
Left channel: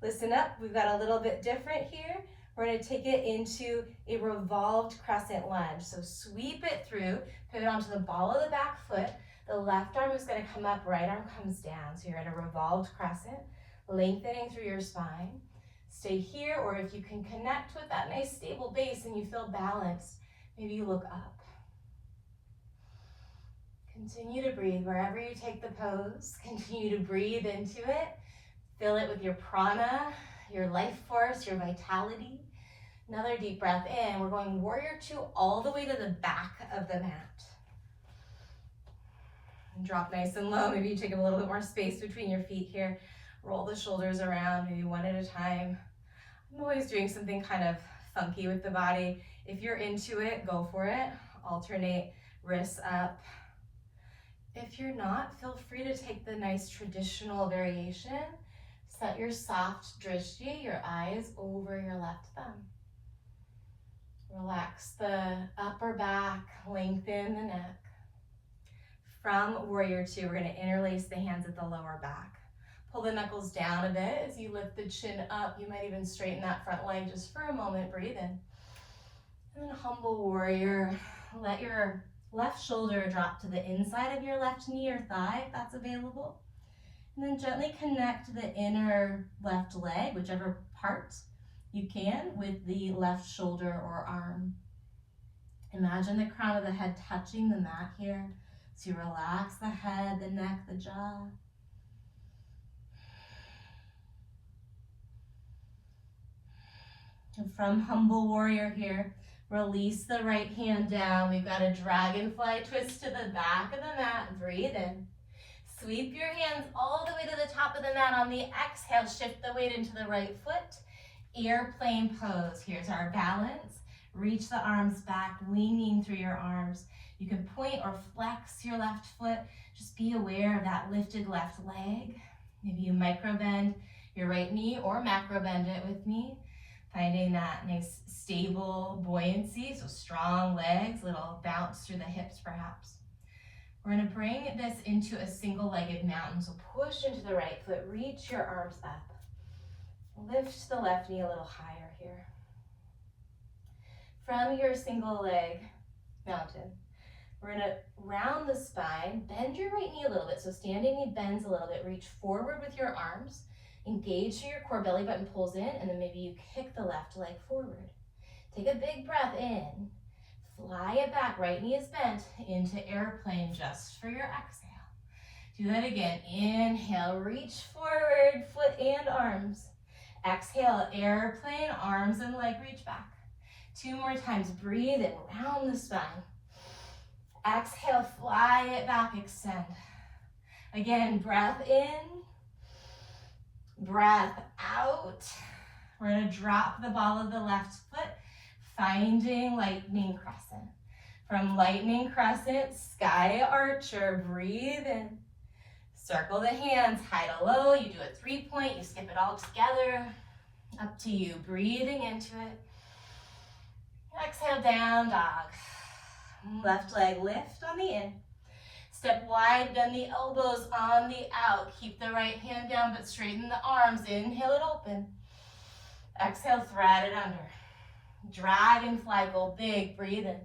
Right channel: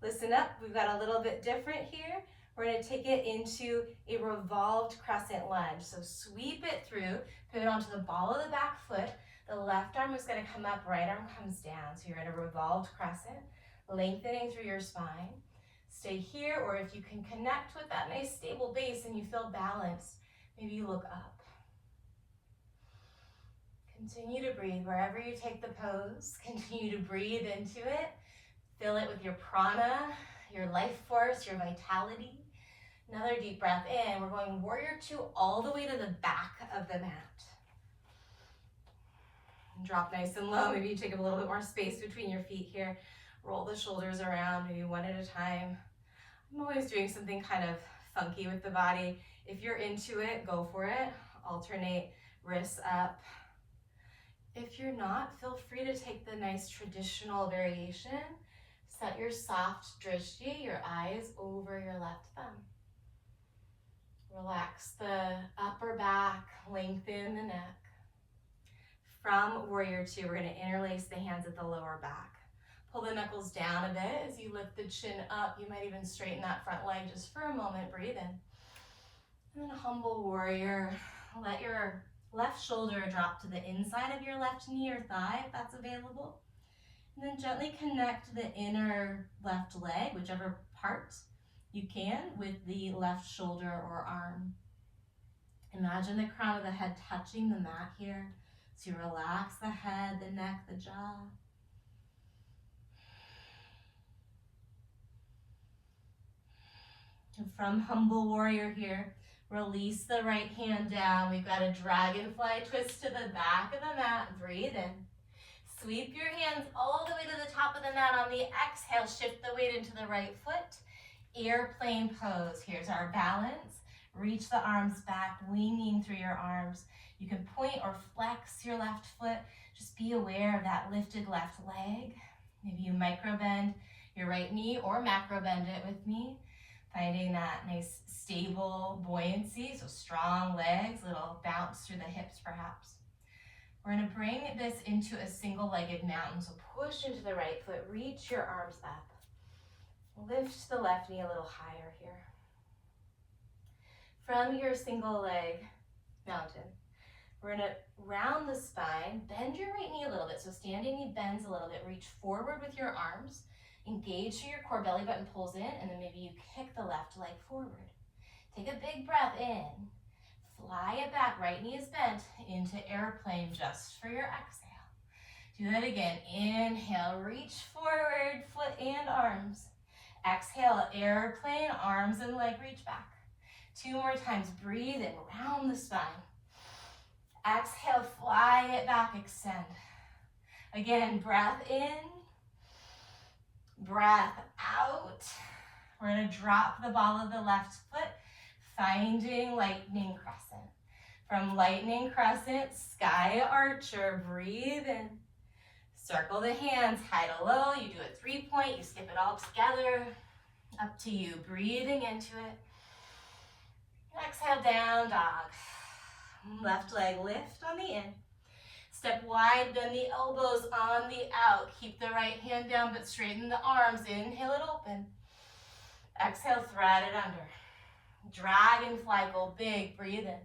Listen up. We've got a little bit different here. We're going to take it into a revolved crescent lunge. So sweep it through, pivot onto the ball of the back foot. The left arm is going to come up, right arm comes down. So you're in a revolved crescent, lengthening through your spine. Stay here, or if you can connect with that nice stable base and you feel balanced, maybe you look up. Continue to breathe wherever you take the pose. Continue to breathe into it. Fill it with your prana, your life force, your vitality. Another deep breath in. We're going warrior two all the way to the back of the mat. And drop nice and low. Maybe you take up a little bit more space between your feet here. Roll the shoulders around, maybe one at a time. I'm always doing something kind of funky with the body. If you're into it, go for it. Alternate wrists up. If you're not, feel free to take the nice traditional variation. Set your soft drishti, your eyes over your left thumb. Relax the upper back, lengthen the neck. From warrior two, we're going to interlace the hands at the lower back. Pull the knuckles down a bit as you lift the chin up. You might even straighten that front leg just for a moment. Breathe in. And then humble warrior. Let your left shoulder drop to the inside of your left knee or thigh if that's available. And then gently connect the inner left leg, whichever part you can, with the left shoulder or arm. Imagine the crown of the head touching the mat here. So you relax the head, the neck, the jaw. And from humble warrior here, release the right hand down. We've got a dragonfly twist to the back of the mat. Breathe in. Sweep your hands all the way to the top of the mat. On the exhale, shift the weight into the right foot. Airplane pose. Here's our balance. Reach the arms back, leaning through your arms. You can point or flex your left foot. Just be aware of that lifted left leg. Maybe you micro bend your right knee or macro bend it with me. Finding that nice stable buoyancy, so strong legs, little bounce through the hips perhaps. We're going to bring this into a single-legged mountain. So push into the right foot, reach your arms up. Lift the left knee a little higher here. From your single leg mountain, we're going to round the spine, bend your right knee a little bit. So standing knee bends a little bit. Reach forward with your arms. Engage through your core, belly button pulls in, and then maybe you kick the left leg forward. Take a big breath in. Fly it back, right knee is bent, into airplane just for your exhale. Do that again. Inhale, reach forward, foot and arms. Exhale, airplane, arms and leg reach back. 2 more times. Breathe in, round the spine. Exhale, fly it back, extend. Again, breath in, breath out. We're going to drop the ball of the left foot, finding lightning crescent. From lightning crescent, sky archer, breathe in. Circle the hands, high to low. You do a 3-point, you skip it all together. Up to you, breathing into it. Exhale, down dog. Left leg lift on the in. Step wide, bend the elbows on the out. Keep the right hand down, but straighten the arms. Inhale it open. Exhale, thread it under. Dragonfly, go big, breathe in.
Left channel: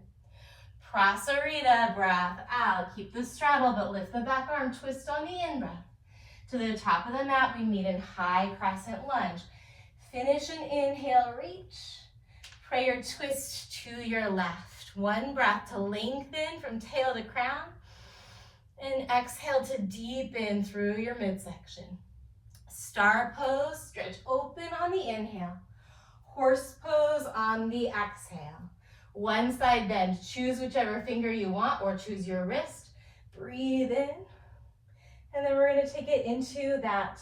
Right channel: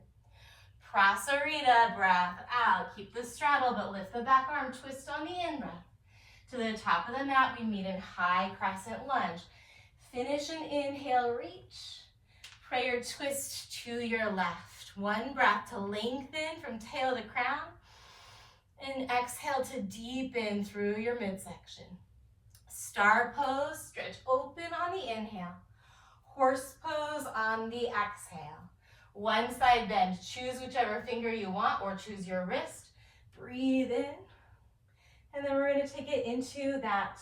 Prasarita, breath out. Keep the straddle, but lift the back arm, twist on the in-breath. To the top of the mat, we meet in high crescent lunge. Finish an inhale, reach. Prayer twist to your left. One breath to lengthen from tail to crown. And exhale to deepen through your midsection. Star pose, stretch open on the inhale. Horse pose on the exhale. One side bend, choose whichever finger you want or choose your wrist. Breathe in. And then we're going to take it into that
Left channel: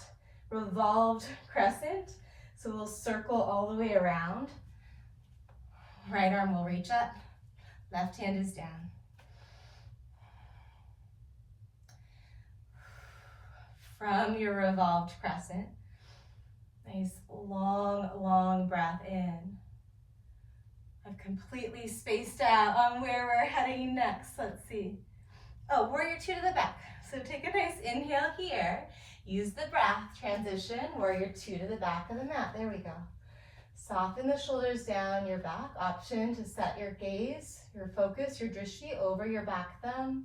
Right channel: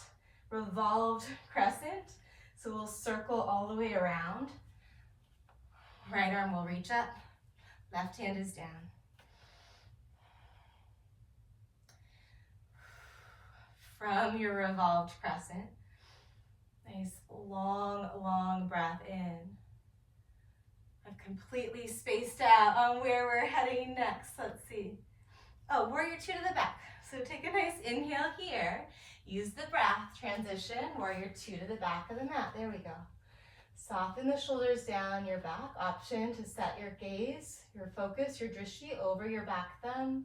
revolved crescent. So we'll circle all the way around. Right arm will reach up. Left hand is down. From your revolved crescent, nice long, long breath in. I've completely spaced out on where we're heading next. Let's see. Oh, warrior two to the back. So take a nice inhale here. Use the breath, transition, warrior two to the back of the mat. There we go. Soften the shoulders down your back. Option to set your gaze, your focus, your drishti over your back thumb.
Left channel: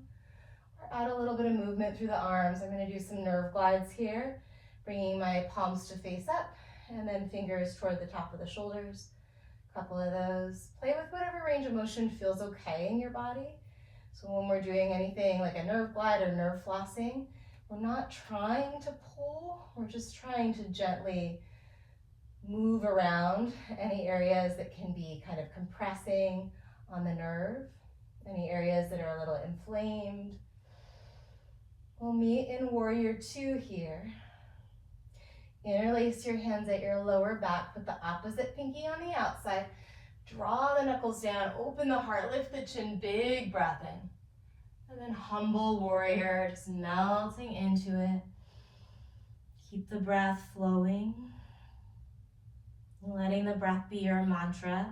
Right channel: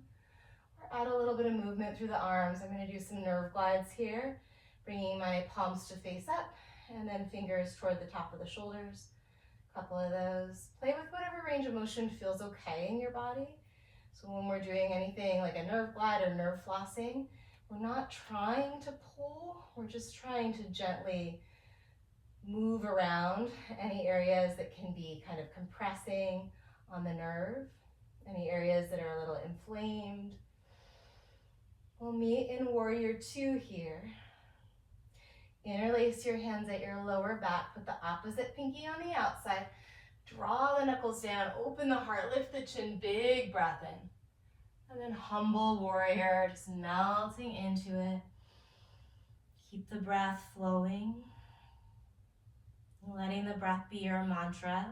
Or add a little bit of movement through the arms. I'm going to do some nerve glides here, bringing my palms to face up and then fingers toward the top of the shoulders. A couple of those. Play with whatever range of motion feels okay in your body. So when we're doing anything like a nerve glide or nerve flossing, we're not trying to pull, we're just trying to gently move around any areas that can be kind of compressing on the nerve, any areas that are a little inflamed. We'll meet in warrior two here. Interlace your hands at your lower back, put the opposite pinky on the outside, draw the knuckles down, open the heart, lift the chin, big breath in. And then humble warrior, just melting into it. Keep the breath flowing. Letting the breath be your mantra.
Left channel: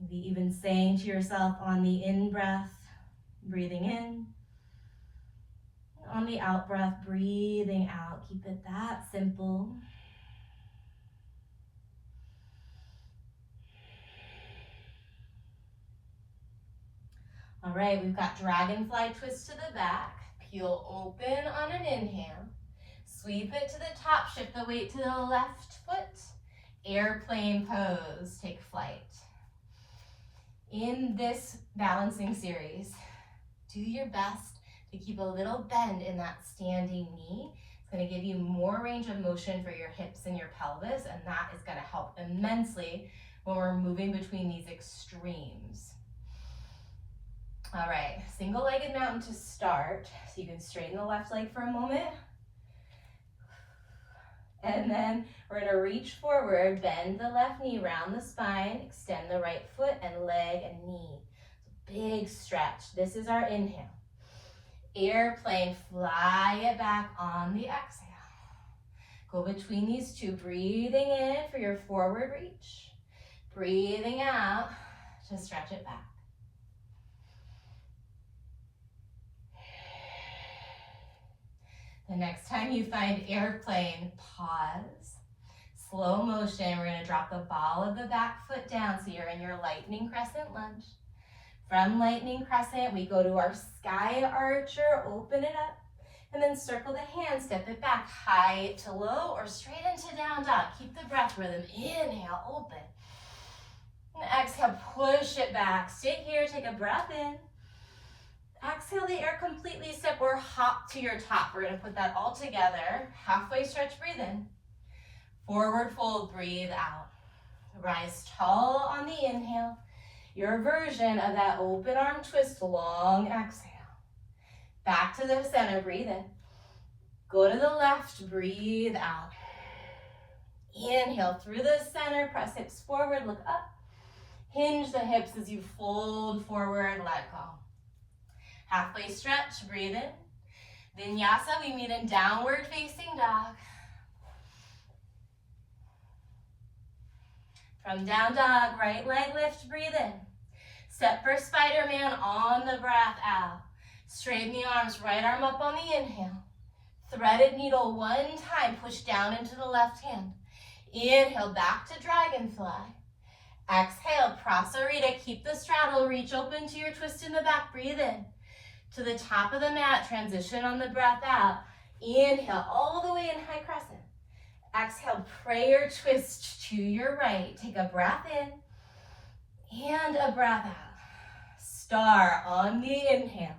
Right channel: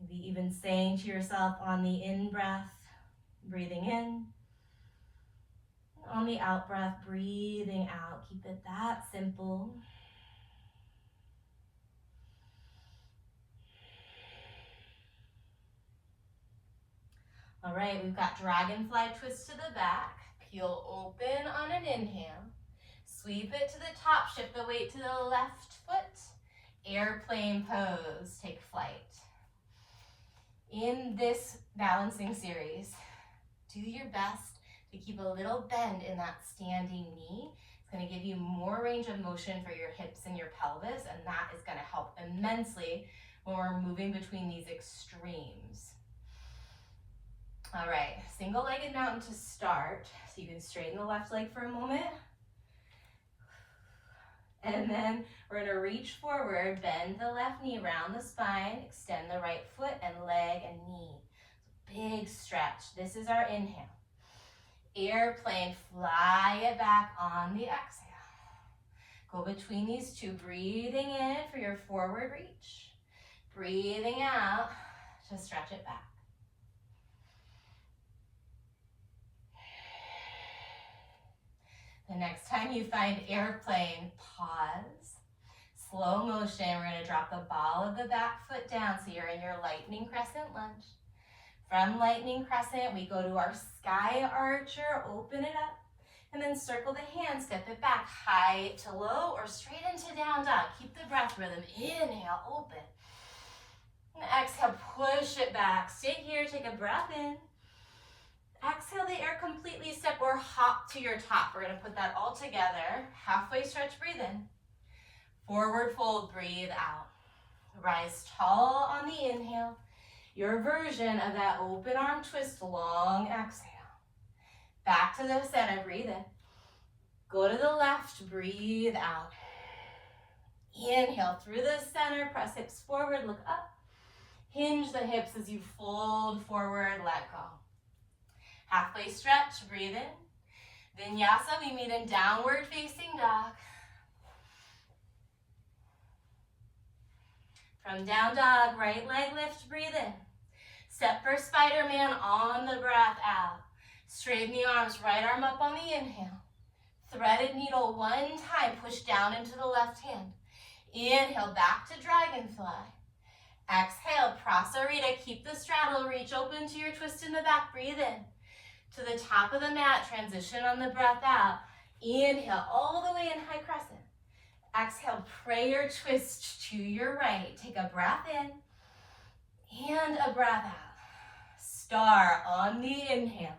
Maybe even saying to yourself on the in-breath, breathing in. On the out-breath, breathing out. Keep it that simple. All right, we've got dragonfly twist to the back. Peel open on an inhale. Sweep it to the top. Shift the weight to the left foot. Airplane pose. Take flight. In this balancing series, do your best to keep a little bend in that standing knee. It's going to give you more range of motion for your hips and your pelvis, and that is going to help immensely when we're moving between these extremes. All right, single-legged mountain to start. So you can straighten the left leg for a moment. And then we're going to reach forward, bend the left knee, round the spine, extend the right foot and leg and knee. So big stretch. This is our inhale. Airplane, fly it back on the exhale. Go between these two, breathing in for your forward reach. Breathing out to stretch it back. The next time you find airplane, pause. Slow motion, we're going to drop the ball of the back foot down so you're in your lightning crescent lunge. From lightning crescent, we go to our sky archer, open it up, and then circle the hands, step it back, high to low or straight into down dog. Keep the breath rhythm. Inhale, open. And exhale, push it back. Stay here, take a breath in. Exhale the air completely, step or hop to your top. We're going to put that all together. Halfway stretch, breathe in. Forward fold, breathe out. Rise tall on the inhale. Your version of that open arm twist, long exhale. Back to the center, breathe in. Go to the left, breathe out. Inhale through the center, press hips forward, look up. Hinge the hips as you fold forward, let go. Halfway stretch, breathe in. Vinyasa, we meet in downward facing dog. From down dog, right leg lift, breathe in. Step for Spider-Man on the breath out. Straighten the arms, right arm up on the inhale. Threaded needle one time, push down into the left hand. Inhale, back to dragonfly. Exhale, prasarita, keep the straddle, reach open to your twist in the back, breathe in. To the top of the mat, transition on the breath out. Inhale, all the way in high crescent. Exhale, prayer twist to your right. Take a breath in and a breath out. Star on the inhale.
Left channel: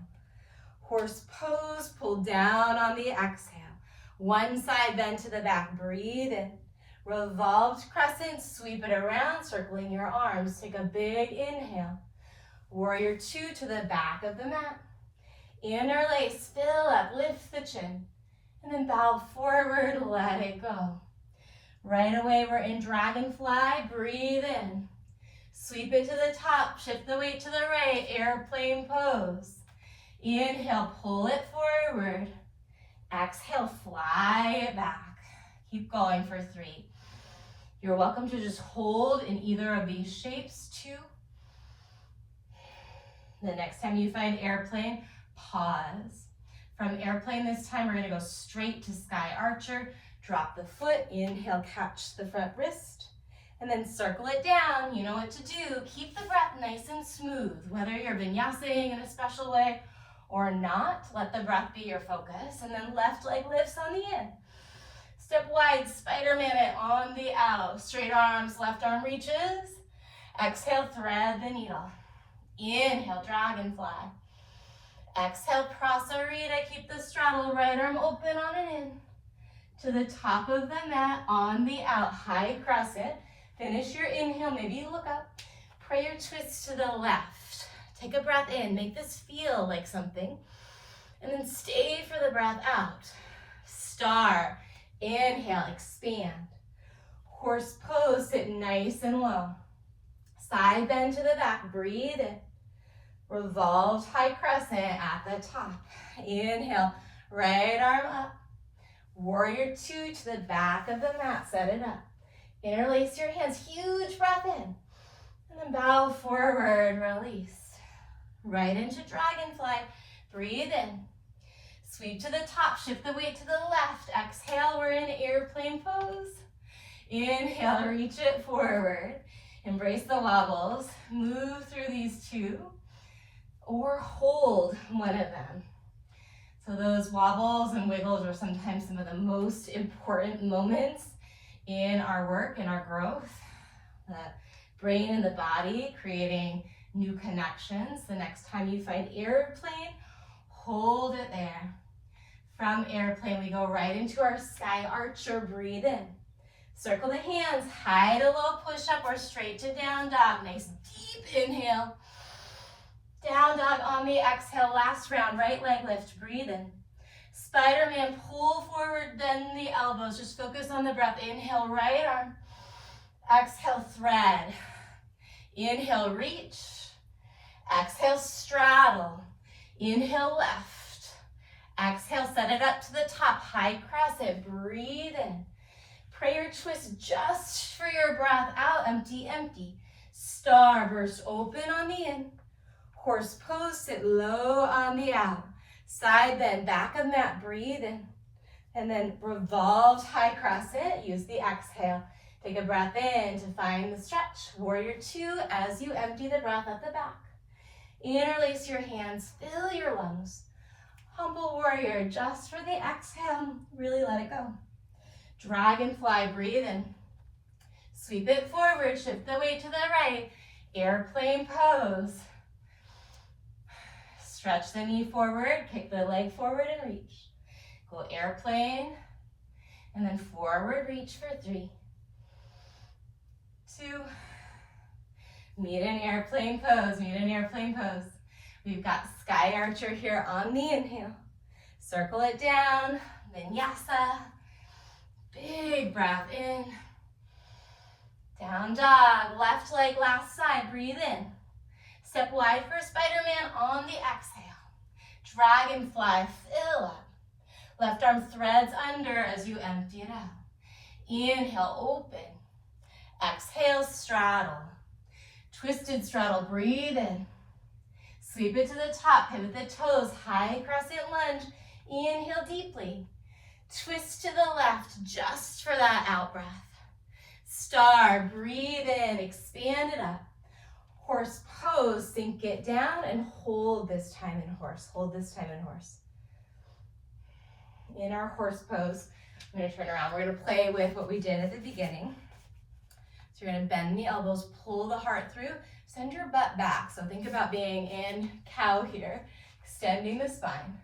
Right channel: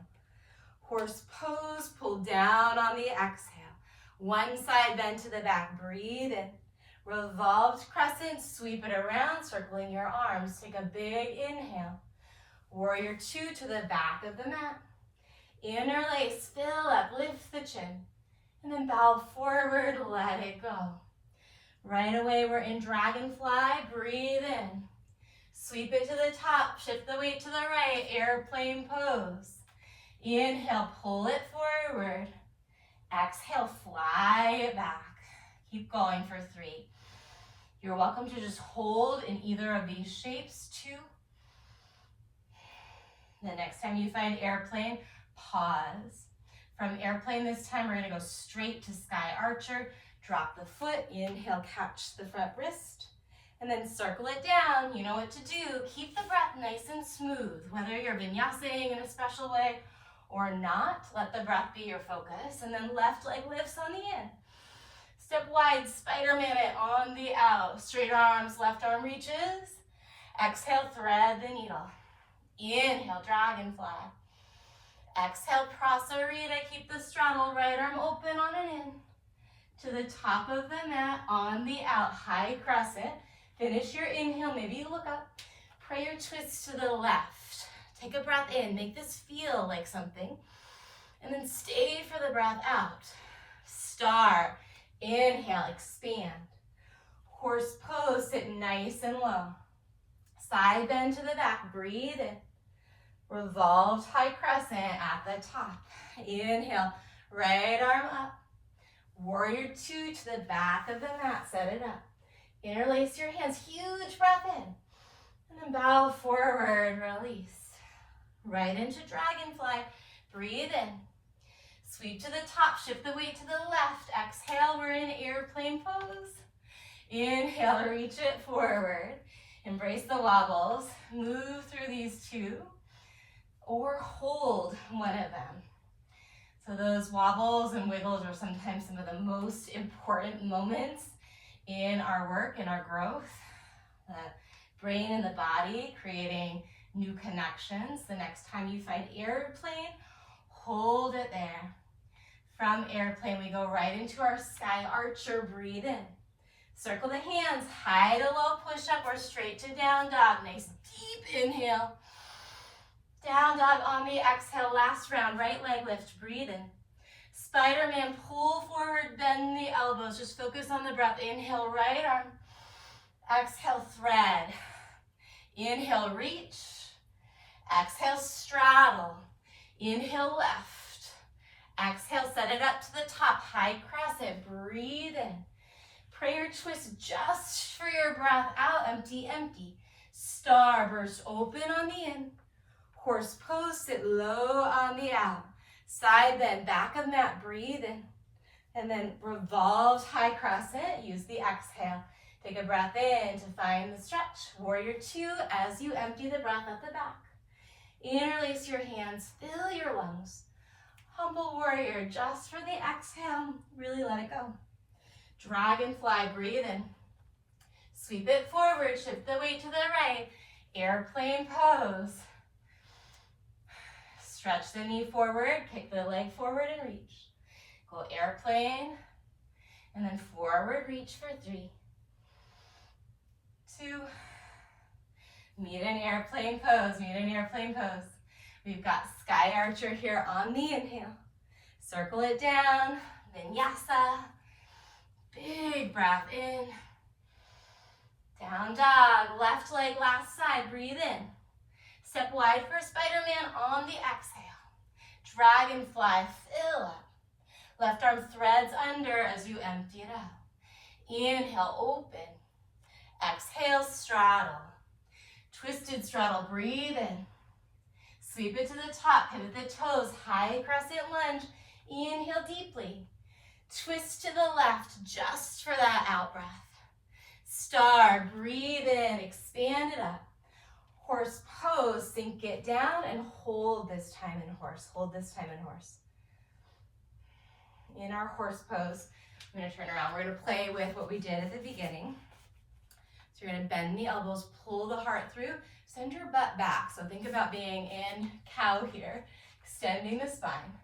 Horse pose, pull down on the exhale. One side bend to the back, breathe in. Revolved crescent, sweep it around, circling your arms. Take a big inhale. Warrior two to the back of the mat. Interlace, fill up, lift the chin. And then bow forward, let it go. Right away, we're in dragonfly, breathe in. Sweep it to the top, shift the weight to the right, airplane pose. Inhale, pull it forward. Exhale, fly it back. Keep going for 3. You're welcome to just hold in either of these shapes, 2. The next time you find airplane, pause. From airplane this time, we're gonna go straight to sky archer. Drop the foot, inhale, catch the front wrist, and then circle it down. You know what to do. Keep the breath nice and smooth. Whether you're vinyasaing in a special way or not, let the breath be your focus. And then left leg lifts on the in. Step wide, Spider-Man it on the out. Straight arms, left arm reaches. Exhale, thread the needle. Inhale, dragonfly. Exhale, prasarita. Keep the straddle, right arm open on an in. To the top of the mat, on the out, high crescent. Finish your inhale, maybe you look up. Prayer twist to the left. Take a breath in, make this feel like something. And then stay for the breath out. Star, inhale, expand. Horse pose, sit nice and low. Side bend to the back, breathe in. Revolved high crescent at the top. Inhale, right arm up. Warrior 2 to the back of the mat, set it up. Interlace your hands, huge breath in. And then bow forward, release. Right into dragonfly, breathe in. Sweep to the top, shift the weight to the left. Exhale, we're in airplane pose. Inhale, reach it forward. Embrace the wobbles. Move through these 2 or hold one of them. So those wobbles and wiggles are sometimes some of the most important moments in our work and our growth. The brain and the body creating new connections. The next time you find airplane, hold it there. From airplane, we go right into our sky archer, breathe in. Circle the hands, high to low push up or straight to down dog. Nice deep inhale. Down dog on the exhale, last round, right leg lift, breathe in. Spider-Man, pull forward, bend the elbows, just focus on the breath. Inhale, right arm. Exhale, thread. Inhale, reach. Exhale, straddle. Inhale, left. Exhale, set it up to the top, high crescent, breathe in. Prayer twist just for your breath out, empty, empty. Star burst open on the in. Horse pose, sit low on the out. Side bend, back of mat, breathe in. And then revolved high crescent, use the exhale. Take a breath in to find the stretch. Warrior 2 as you empty the breath at the back. Interlace your hands, fill your lungs. Humble warrior, just for the exhale, really let it go. Dragonfly, breathe in. Sweep it forward, shift the weight to the right. Airplane pose. Stretch the knee forward, kick the leg forward and reach. Go airplane, and then forward reach for 3, 2, meet an airplane pose, meet an airplane pose. We've got sky archer here on the inhale. Circle it down, vinyasa. Big breath in. Down dog, left leg last side, breathe in. Step wide for Spider-Man on the exhale. Dragonfly, fill up. Left arm threads under as you empty it out. Inhale, open. Exhale, straddle. Twisted straddle, breathe in. Sweep it to the top, pivot the toes, high crescent lunge. Inhale deeply. Twist to the left just for that out breath. Star, breathe in, expand it up. Horse pose, sink it down and hold this time in horse. Hold this time in horse. In our horse pose, I'm going to turn around. We're going to play with what we did at the beginning. So you're going to bend the elbows, pull the heart through, send your butt back. So think about being in cow here, extending the spine.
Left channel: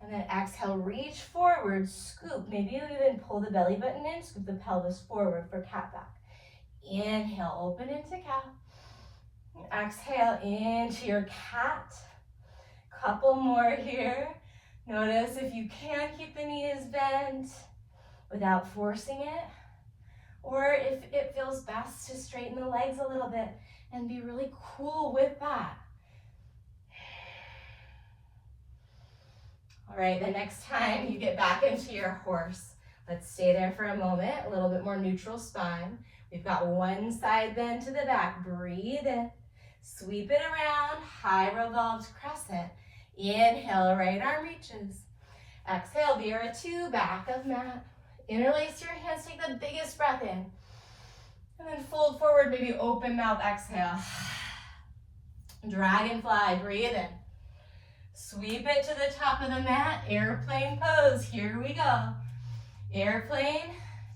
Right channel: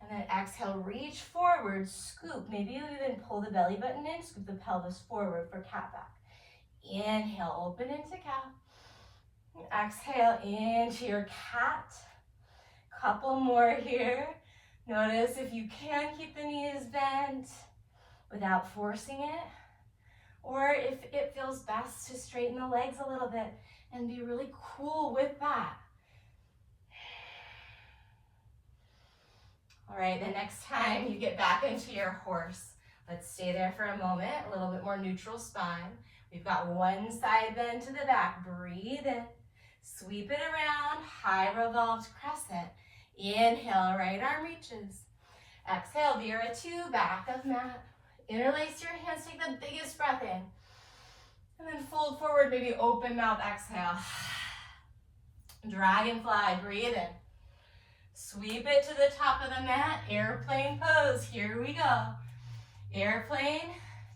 And then exhale, reach forward, scoop. Maybe you even pull the belly button in, scoop the pelvis forward for cat back. Inhale, open into cow. Exhale into your cat. Couple more here. Notice if you can keep the knees bent without forcing it, or if it feels best to straighten the legs a little bit and be really cool with that. All right, the next time you get back into your horse, let's stay there for a moment, a little bit more neutral spine. We've got one side then to the back. Breathe in, sweep it around, high revolved crescent. Inhale, right arm reaches. Exhale, Vira 2, back of mat. Interlace your hands, take the biggest breath in. And then fold forward, maybe open mouth, exhale. Dragonfly, breathe in. Sweep it to the top of the mat, airplane pose, here we go. Airplane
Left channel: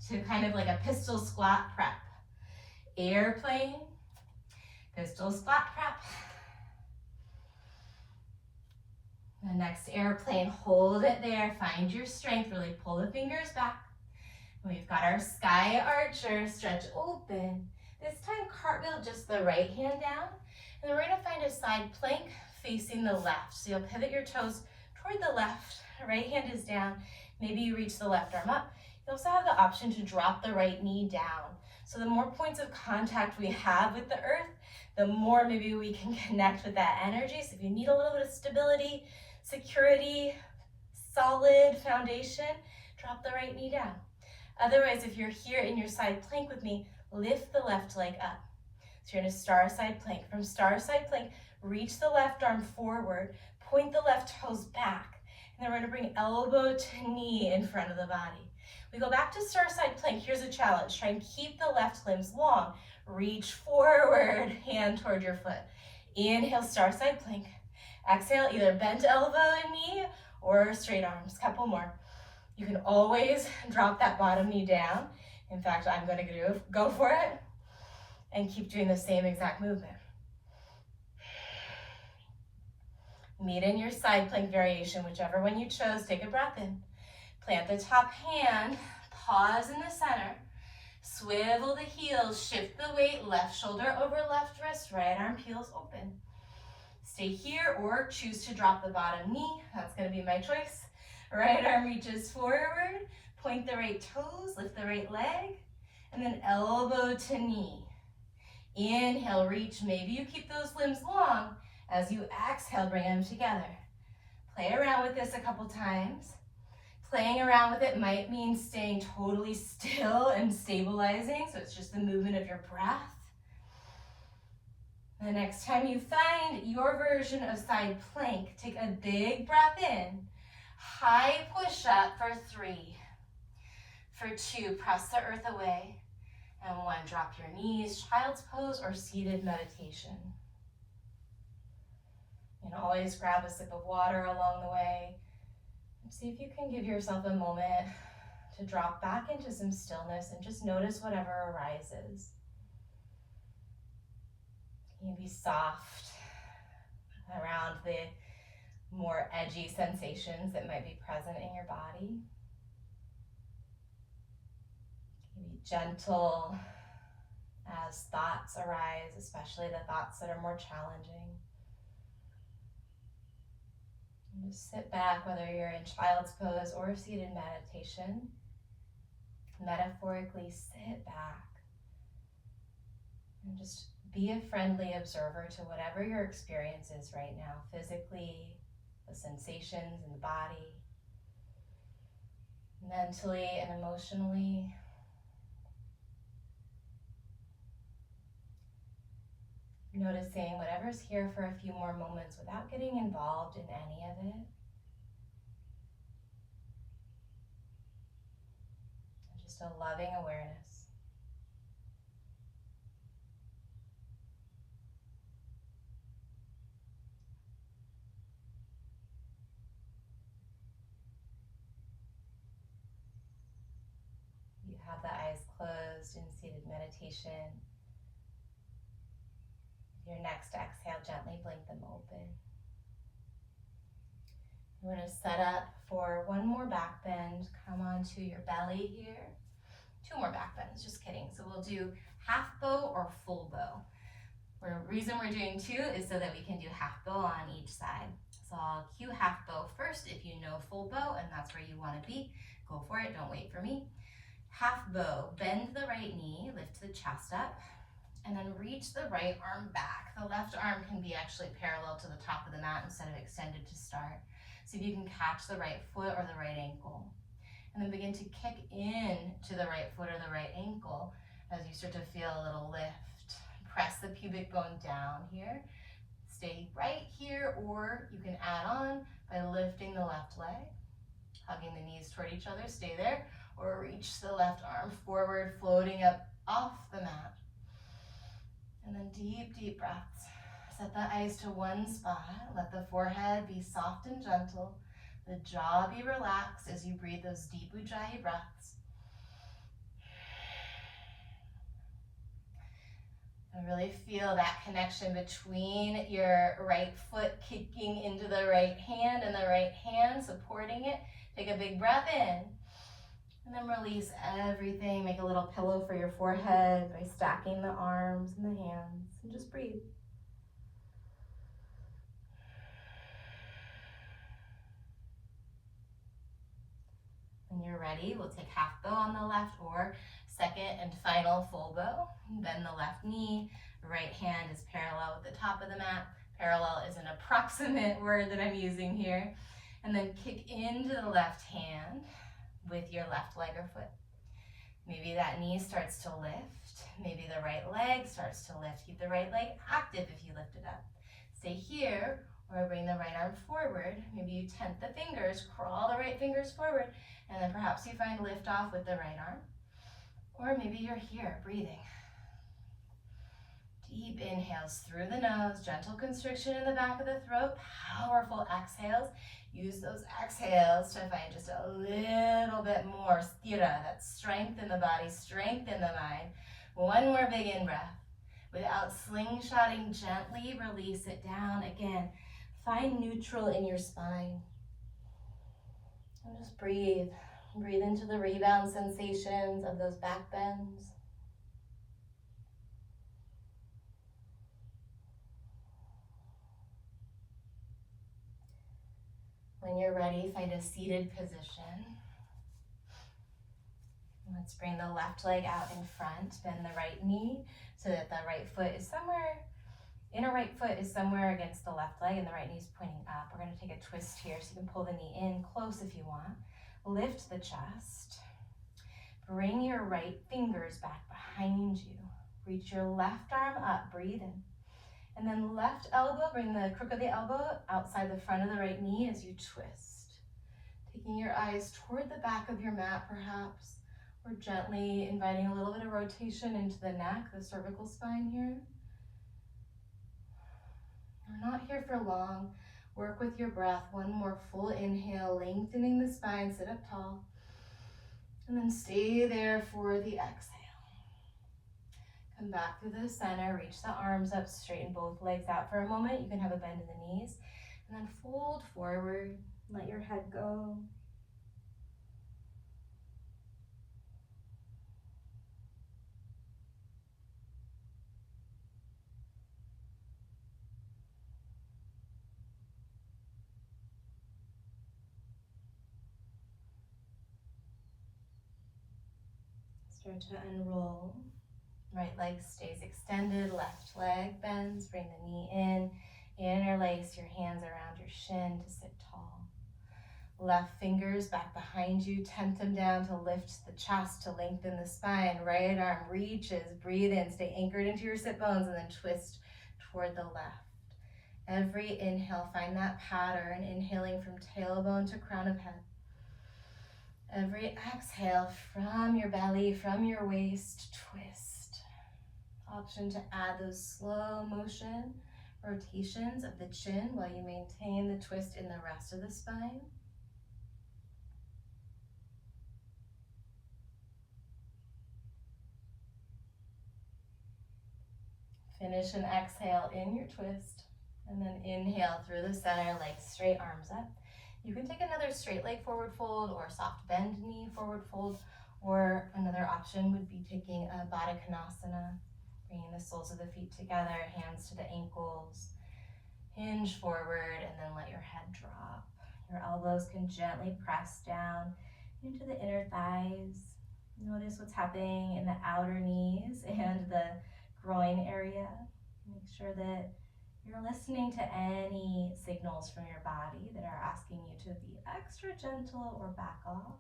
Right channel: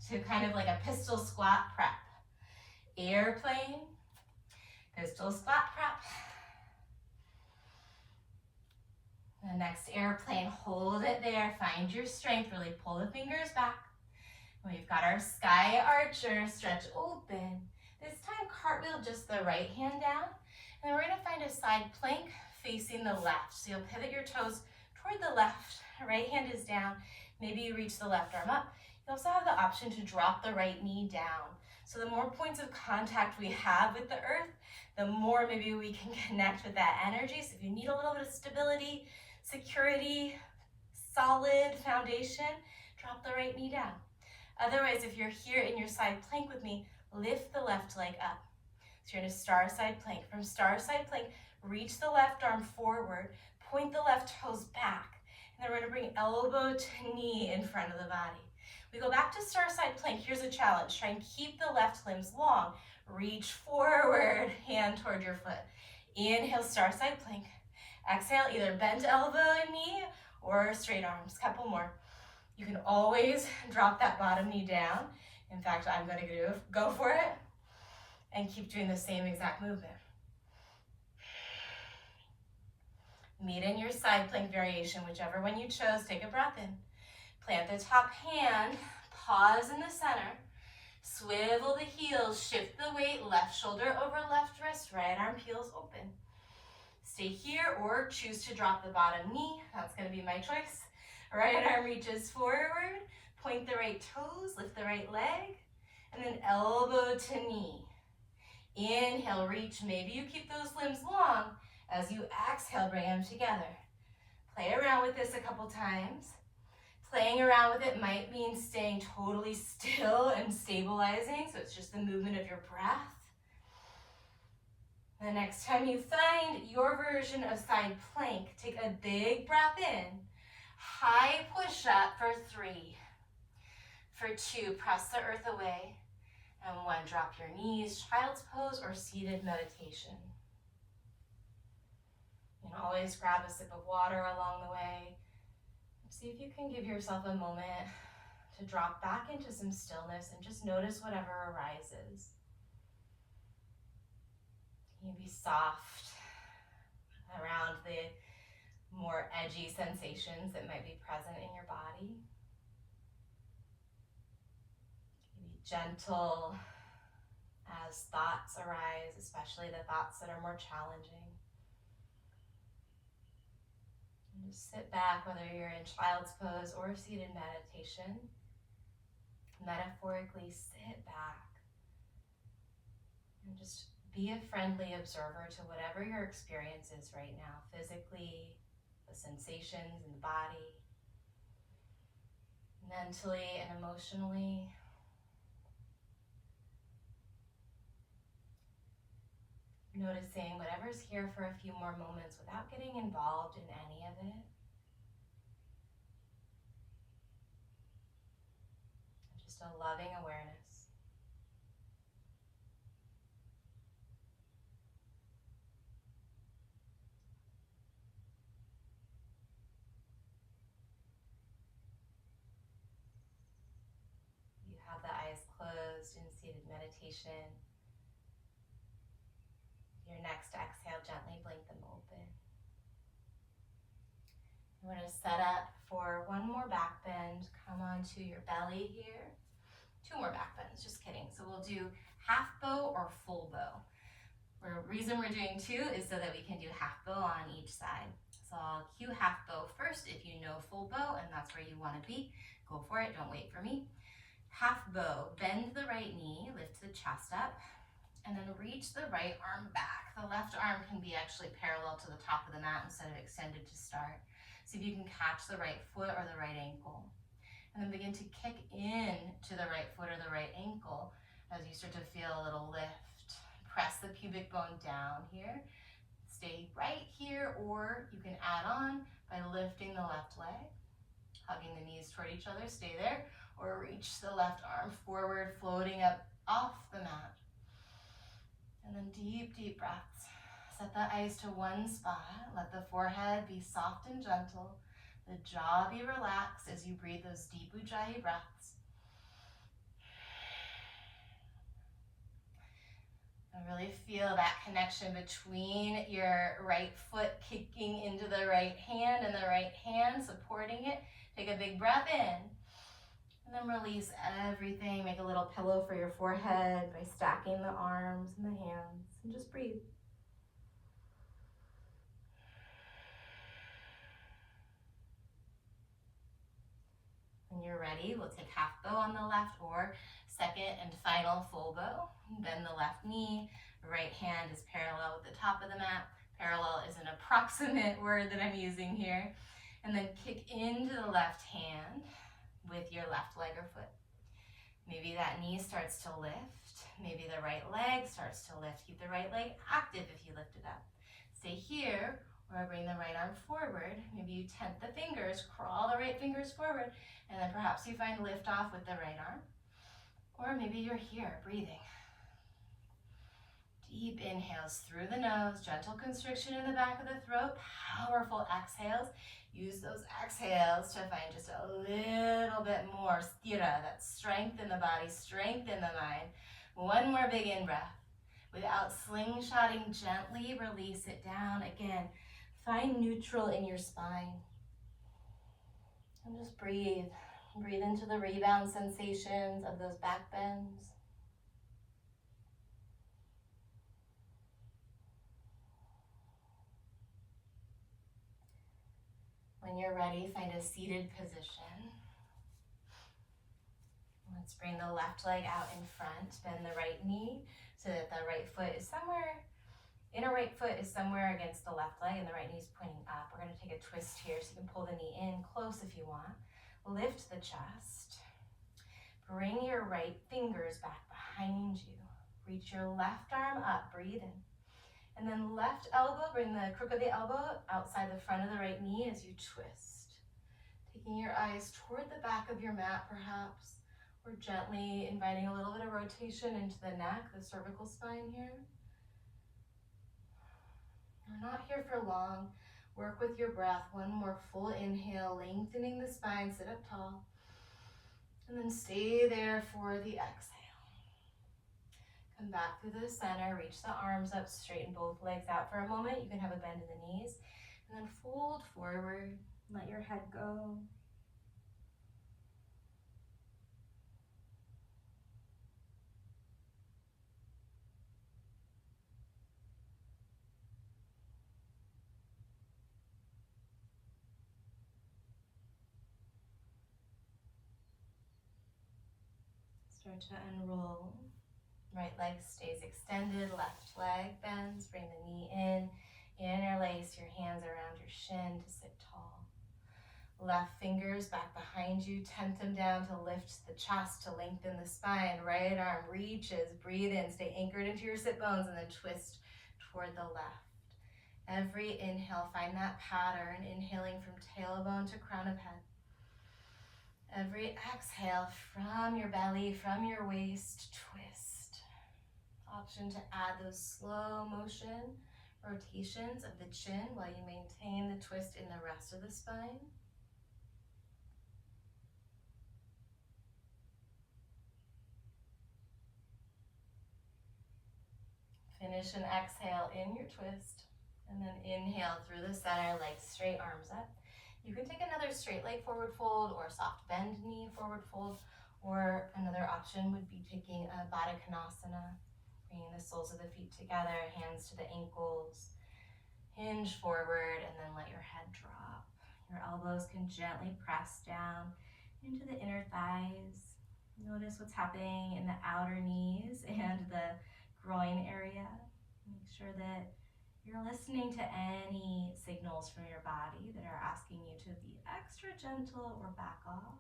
to kind of like a pistol squat prep. Airplane, pistol squat prep. The next airplane, hold it there, find your strength, really pull the fingers back. We've got our sky archer, stretch open. This time cartwheel just the right hand down, and then we're gonna find a side plank facing the left. So you'll pivot your toes toward the left, right hand is down, maybe you reach the left arm up. You also have the option to drop the right knee down. So the more points of contact we have with the earth, the more maybe we can connect with that energy. So if you need a little bit of stability, security, solid foundation, drop the right knee down. Otherwise, if you're here in your side plank with me, lift the left leg up. So you're in a star side plank. From star side plank, reach the left arm forward, point the left toes back, and then we're gonna bring elbow to knee in front of the body. We go back to star side plank. Here's a challenge. Try and keep the left limbs long. Reach forward, hand toward your foot. Inhale, star side plank. Exhale, either bent elbow and knee or straight arms. Couple more. You can always drop that bottom knee down. In fact, I'm gonna go for it and keep doing the same exact movement. Meet in your side plank variation, whichever one you chose. Take a breath in. Plant the top hand, pause in the center, swivel the heels, shift the weight, left shoulder over left wrist, right arm peels open. Stay here or choose to drop the bottom knee. That's gonna be my choice. Right arm reaches forward, point the right toes, lift the right leg, and then elbow to knee. Inhale, reach, maybe you keep those limbs long. As you exhale, bring them together. Play around with this a couple times. Playing around with it might mean staying totally still and stabilizing, so it's just the movement of your breath. The next time you find your version of side plank, take a big breath in. High push up for 3. For 2, press the earth away. And 1, drop your knees, child's pose or seated meditation. You can always grab a sip of water along the way. See if you can give yourself a moment to drop back into some stillness and just notice whatever arises. You can be soft around the more edgy sensations that might be present in your body. You can be gentle as thoughts arise, especially the thoughts that are more challenging. And just sit back, whether you're in child's pose or seated meditation. Metaphorically sit back and just be a friendly observer to whatever your experience is right now, physically, the sensations in the body, mentally and emotionally. Noticing whatever's here for a few more moments without getting involved in any of it. Just a loving awareness. You have the eyes closed in seated meditation. Your next exhale, gently blink them open. We're going to set up for one more back bend. Come onto your belly here. 2 more back bends, just kidding. So we'll do half bow or full bow. The reason we're doing 2 is so that we can do half bow on each side. So I'll cue half bow first. If you know full bow and that's where you want to be, go for it, don't wait for me. Half bow, bend the right knee, lift the chest up, And then reach the right arm back. The left arm can be actually parallel to the top of the mat instead of extended to start. See if you can catch the right foot or the right ankle. And then begin to kick in to the right foot or the right ankle as you start to feel a little lift. Press the pubic bone down here. Stay right here, or you can add on by lifting the left leg, hugging the knees toward each other, stay there, or reach the left arm forward, floating up off the mat. And then deep, deep breaths. Set the eyes to one spot. Let the forehead be soft and gentle. The jaw be relaxed as you breathe those deep ujjayi breaths. And really feel that connection between your right foot kicking into the right hand and the right hand supporting it. Take a big breath in. And then release everything. Make a little pillow for your forehead by stacking the arms and the hands. And just breathe. When you're ready, we'll take half bow on the left or second and final full bow. Bend the left knee. Right hand is parallel with the top of the mat. Parallel is an approximate word that I'm using here. And then kick into the left hand with your left leg or foot. Maybe that knee starts to lift. Maybe the right leg starts to lift. Keep the right leg active if you lift it up. Stay here or bring the right arm forward. Maybe you tent the fingers, crawl the right fingers forward, and then perhaps you find lift off with the right arm. Or maybe you're here breathing. Deep inhales through the nose, gentle constriction in the back of the throat, powerful exhales. Use those exhales to find just a little bit more sthira, that strength in the body, strength in the mind. One more big in-breath. Without slingshotting, gently release it down. Again, find neutral in your spine. And just breathe. Breathe into the rebound sensations of those back bends. When you're ready, find a seated position. Let's bring the left leg out in front. Bend the right knee so that the right foot is somewhere, inner right foot is somewhere against the left leg and the right knee is pointing up. We're going to take a twist here so you can pull the knee in close if you want. Lift the chest. Bring your right fingers back behind you. Reach your left arm up, breathe in. And then left elbow, bring the crook of the elbow outside the front of the right knee as you twist. Taking your eyes toward the back of your mat perhaps, or gently inviting a little bit of rotation into the neck, the cervical spine here. We're not here for long. Work with your breath. One more full inhale, lengthening the spine, sit up tall. And then stay there for the exhale. Come back through the center, reach the arms up, straighten both legs out for a moment. You can have a bend in the knees. And then fold forward, let your head go. Start to unroll. Right leg stays extended, left leg bends, bring the knee in, interlace your hands around your shin to sit tall. Left fingers back behind you, tent them down to lift the chest, to lengthen the spine. Right arm reaches, breathe in, stay anchored into your sit bones, and then twist toward the left. Every inhale, find that pattern, inhaling from tailbone to crown of head. Every exhale from your belly, from your waist, twist. Option to add those slow motion rotations of the chin while you maintain the twist in the rest of the spine. Finish an exhale in your twist, and then inhale through the center, legs straight, arms up. You can take another straight leg forward fold or soft bend knee forward fold, or another option would be taking a Baddha Konasana, bringing the soles of the feet together, hands to the ankles, hinge forward, and then let your head drop. Your elbows can gently press down into the inner thighs. Notice what's happening in the outer knees and the groin area. Make sure that you're listening to any signals from your body that are asking you to be extra gentle or back off.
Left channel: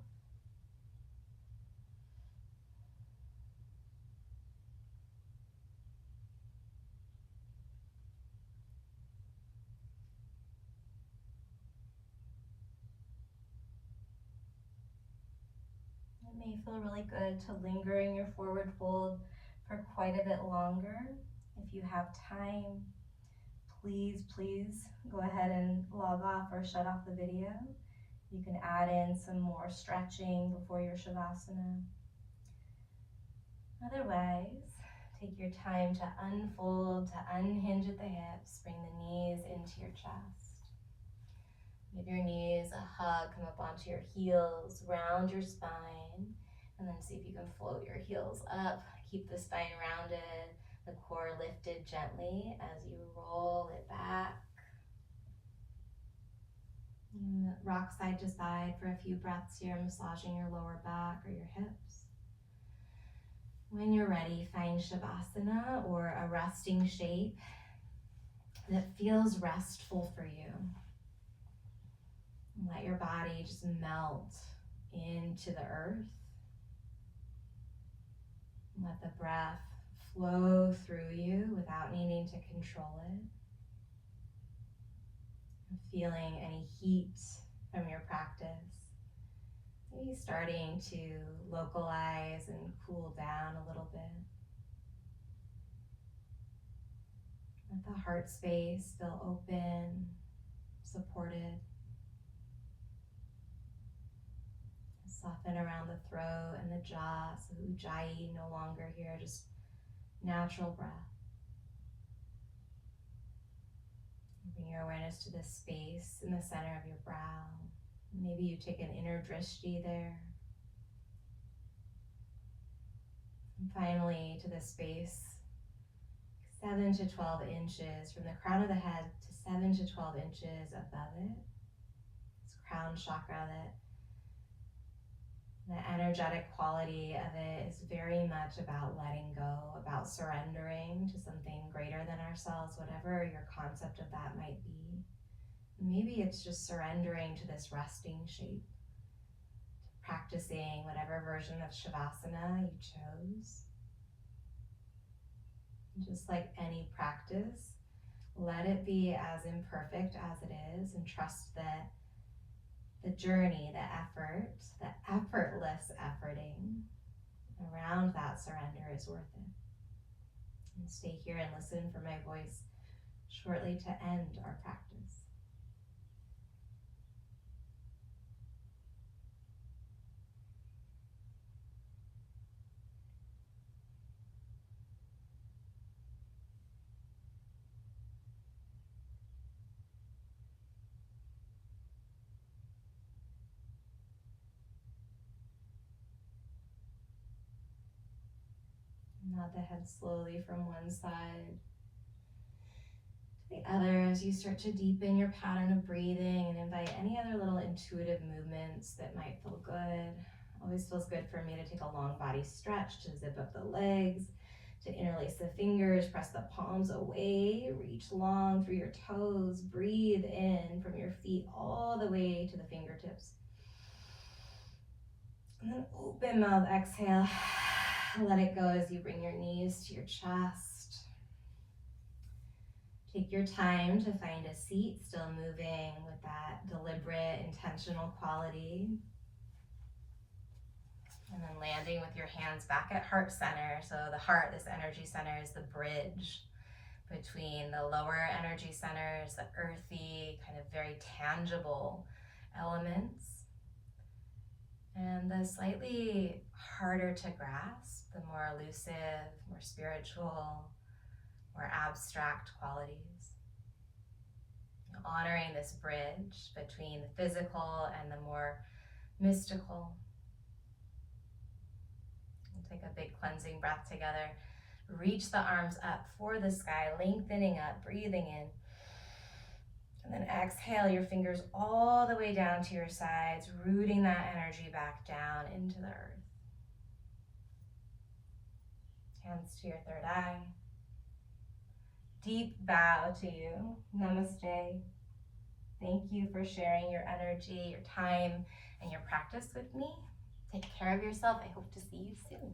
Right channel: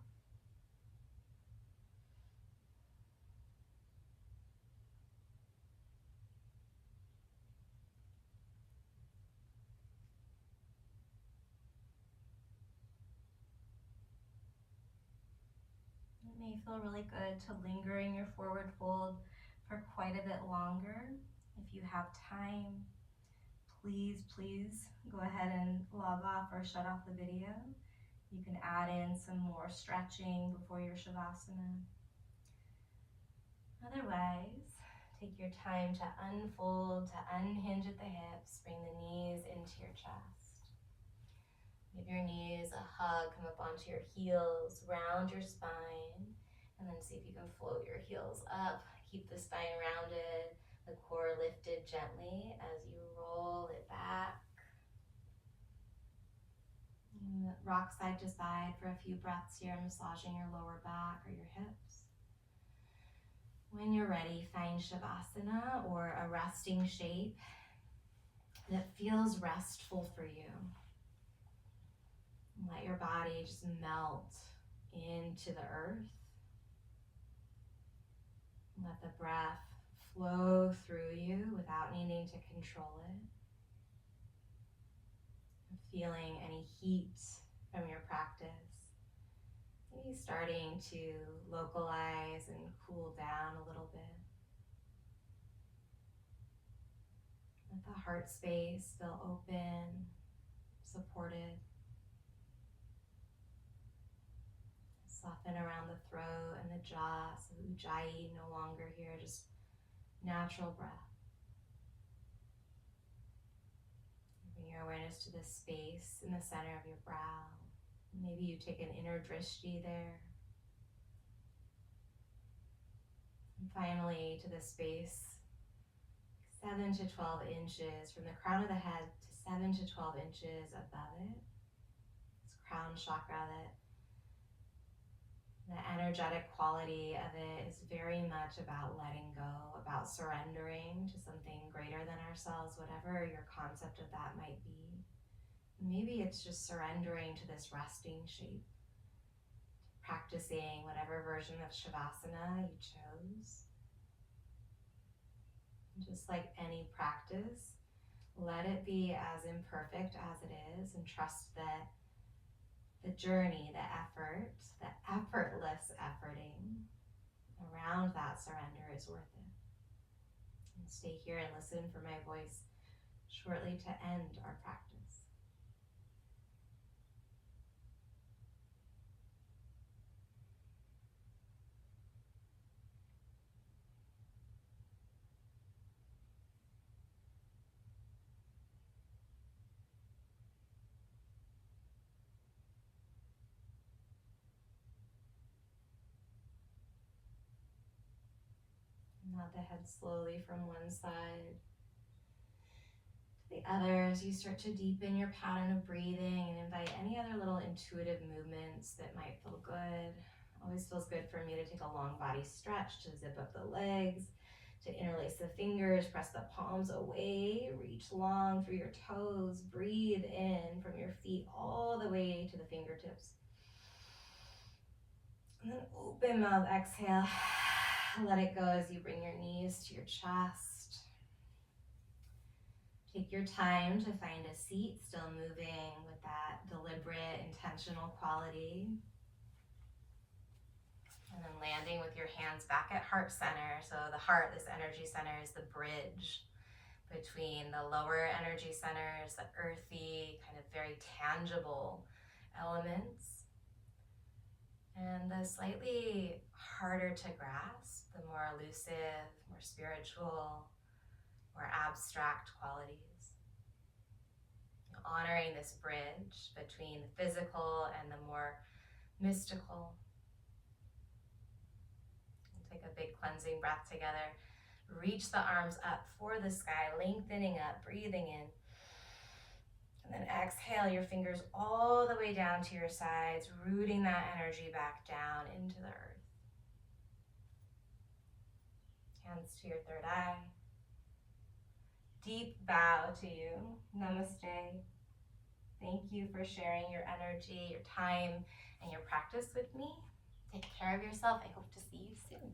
It may feel really good to linger in your forward fold for quite a bit longer. If you have time, please go ahead and log off or shut off the video. You can add in some more stretching before your Shavasana. Otherwise, take your time to unfold, to unhinge at the hips, bring the knees into your chest. Give your knees a hug, come up onto your heels, round your spine, and then see if you can float your heels up. Keep the spine rounded, the core lifted gently as you roll it back. And rock side to side for a few breaths here, massaging your lower back or your hips. When you're ready, find Shavasana or a resting shape that feels restful for you. Let your body just melt into the earth. Let the breath flow through you without needing to control it. Feeling any heat from your practice. Maybe starting to localize and cool down a little bit. Let the heart space feel open, supported. Soften around the throat and the jaw, so ujjayi no longer here, just natural breath. Bring your awareness to the space in the center of your brow. Maybe you take an inner drishti there. And finally, to the space 7 to 12 inches from the crown of the head to 7 to 12 inches above it. This crown chakra, that the energetic quality of it is very much about letting go, about surrendering to something greater than ourselves, whatever your concept of that might be. Maybe it's just surrendering to this resting shape, practicing whatever version of Shavasana you chose. Just like any practice, let it be as imperfect as it is, and trust that the journey, the effort, the effortless efforting around that surrender is worth it. And stay here and listen for my voice shortly to end our practice. Nod the head slowly from one side to the other as you start to deepen your pattern of breathing and invite any other little intuitive movements that might feel good. Always feels good for me to take a long body stretch, to zip up the legs, to interlace the fingers, press the palms away, reach long through your toes, breathe in from your feet all the way to the fingertips. And then open mouth, exhale. Let it go as you bring your knees to your chest. Take your time to find a seat, still moving with that deliberate, intentional quality. And then landing with your hands back at heart center. So the heart, this energy center, is the bridge between the lower energy centers, the earthy, kind of very tangible elements, and the slightly harder to grasp, the more elusive, more spiritual, more abstract qualities. Honoring this bridge between the physical and the more mystical. We'll take a big cleansing breath together. Reach the arms up for the sky, lengthening up, breathing in. And then exhale your fingers all the way down to your sides, rooting that energy back down into the earth. Hands to your third eye. deep bow to you. Namaste. Thank you for sharing your energy, your time, and your practice with me. Take care of yourself. I hope to see you soon.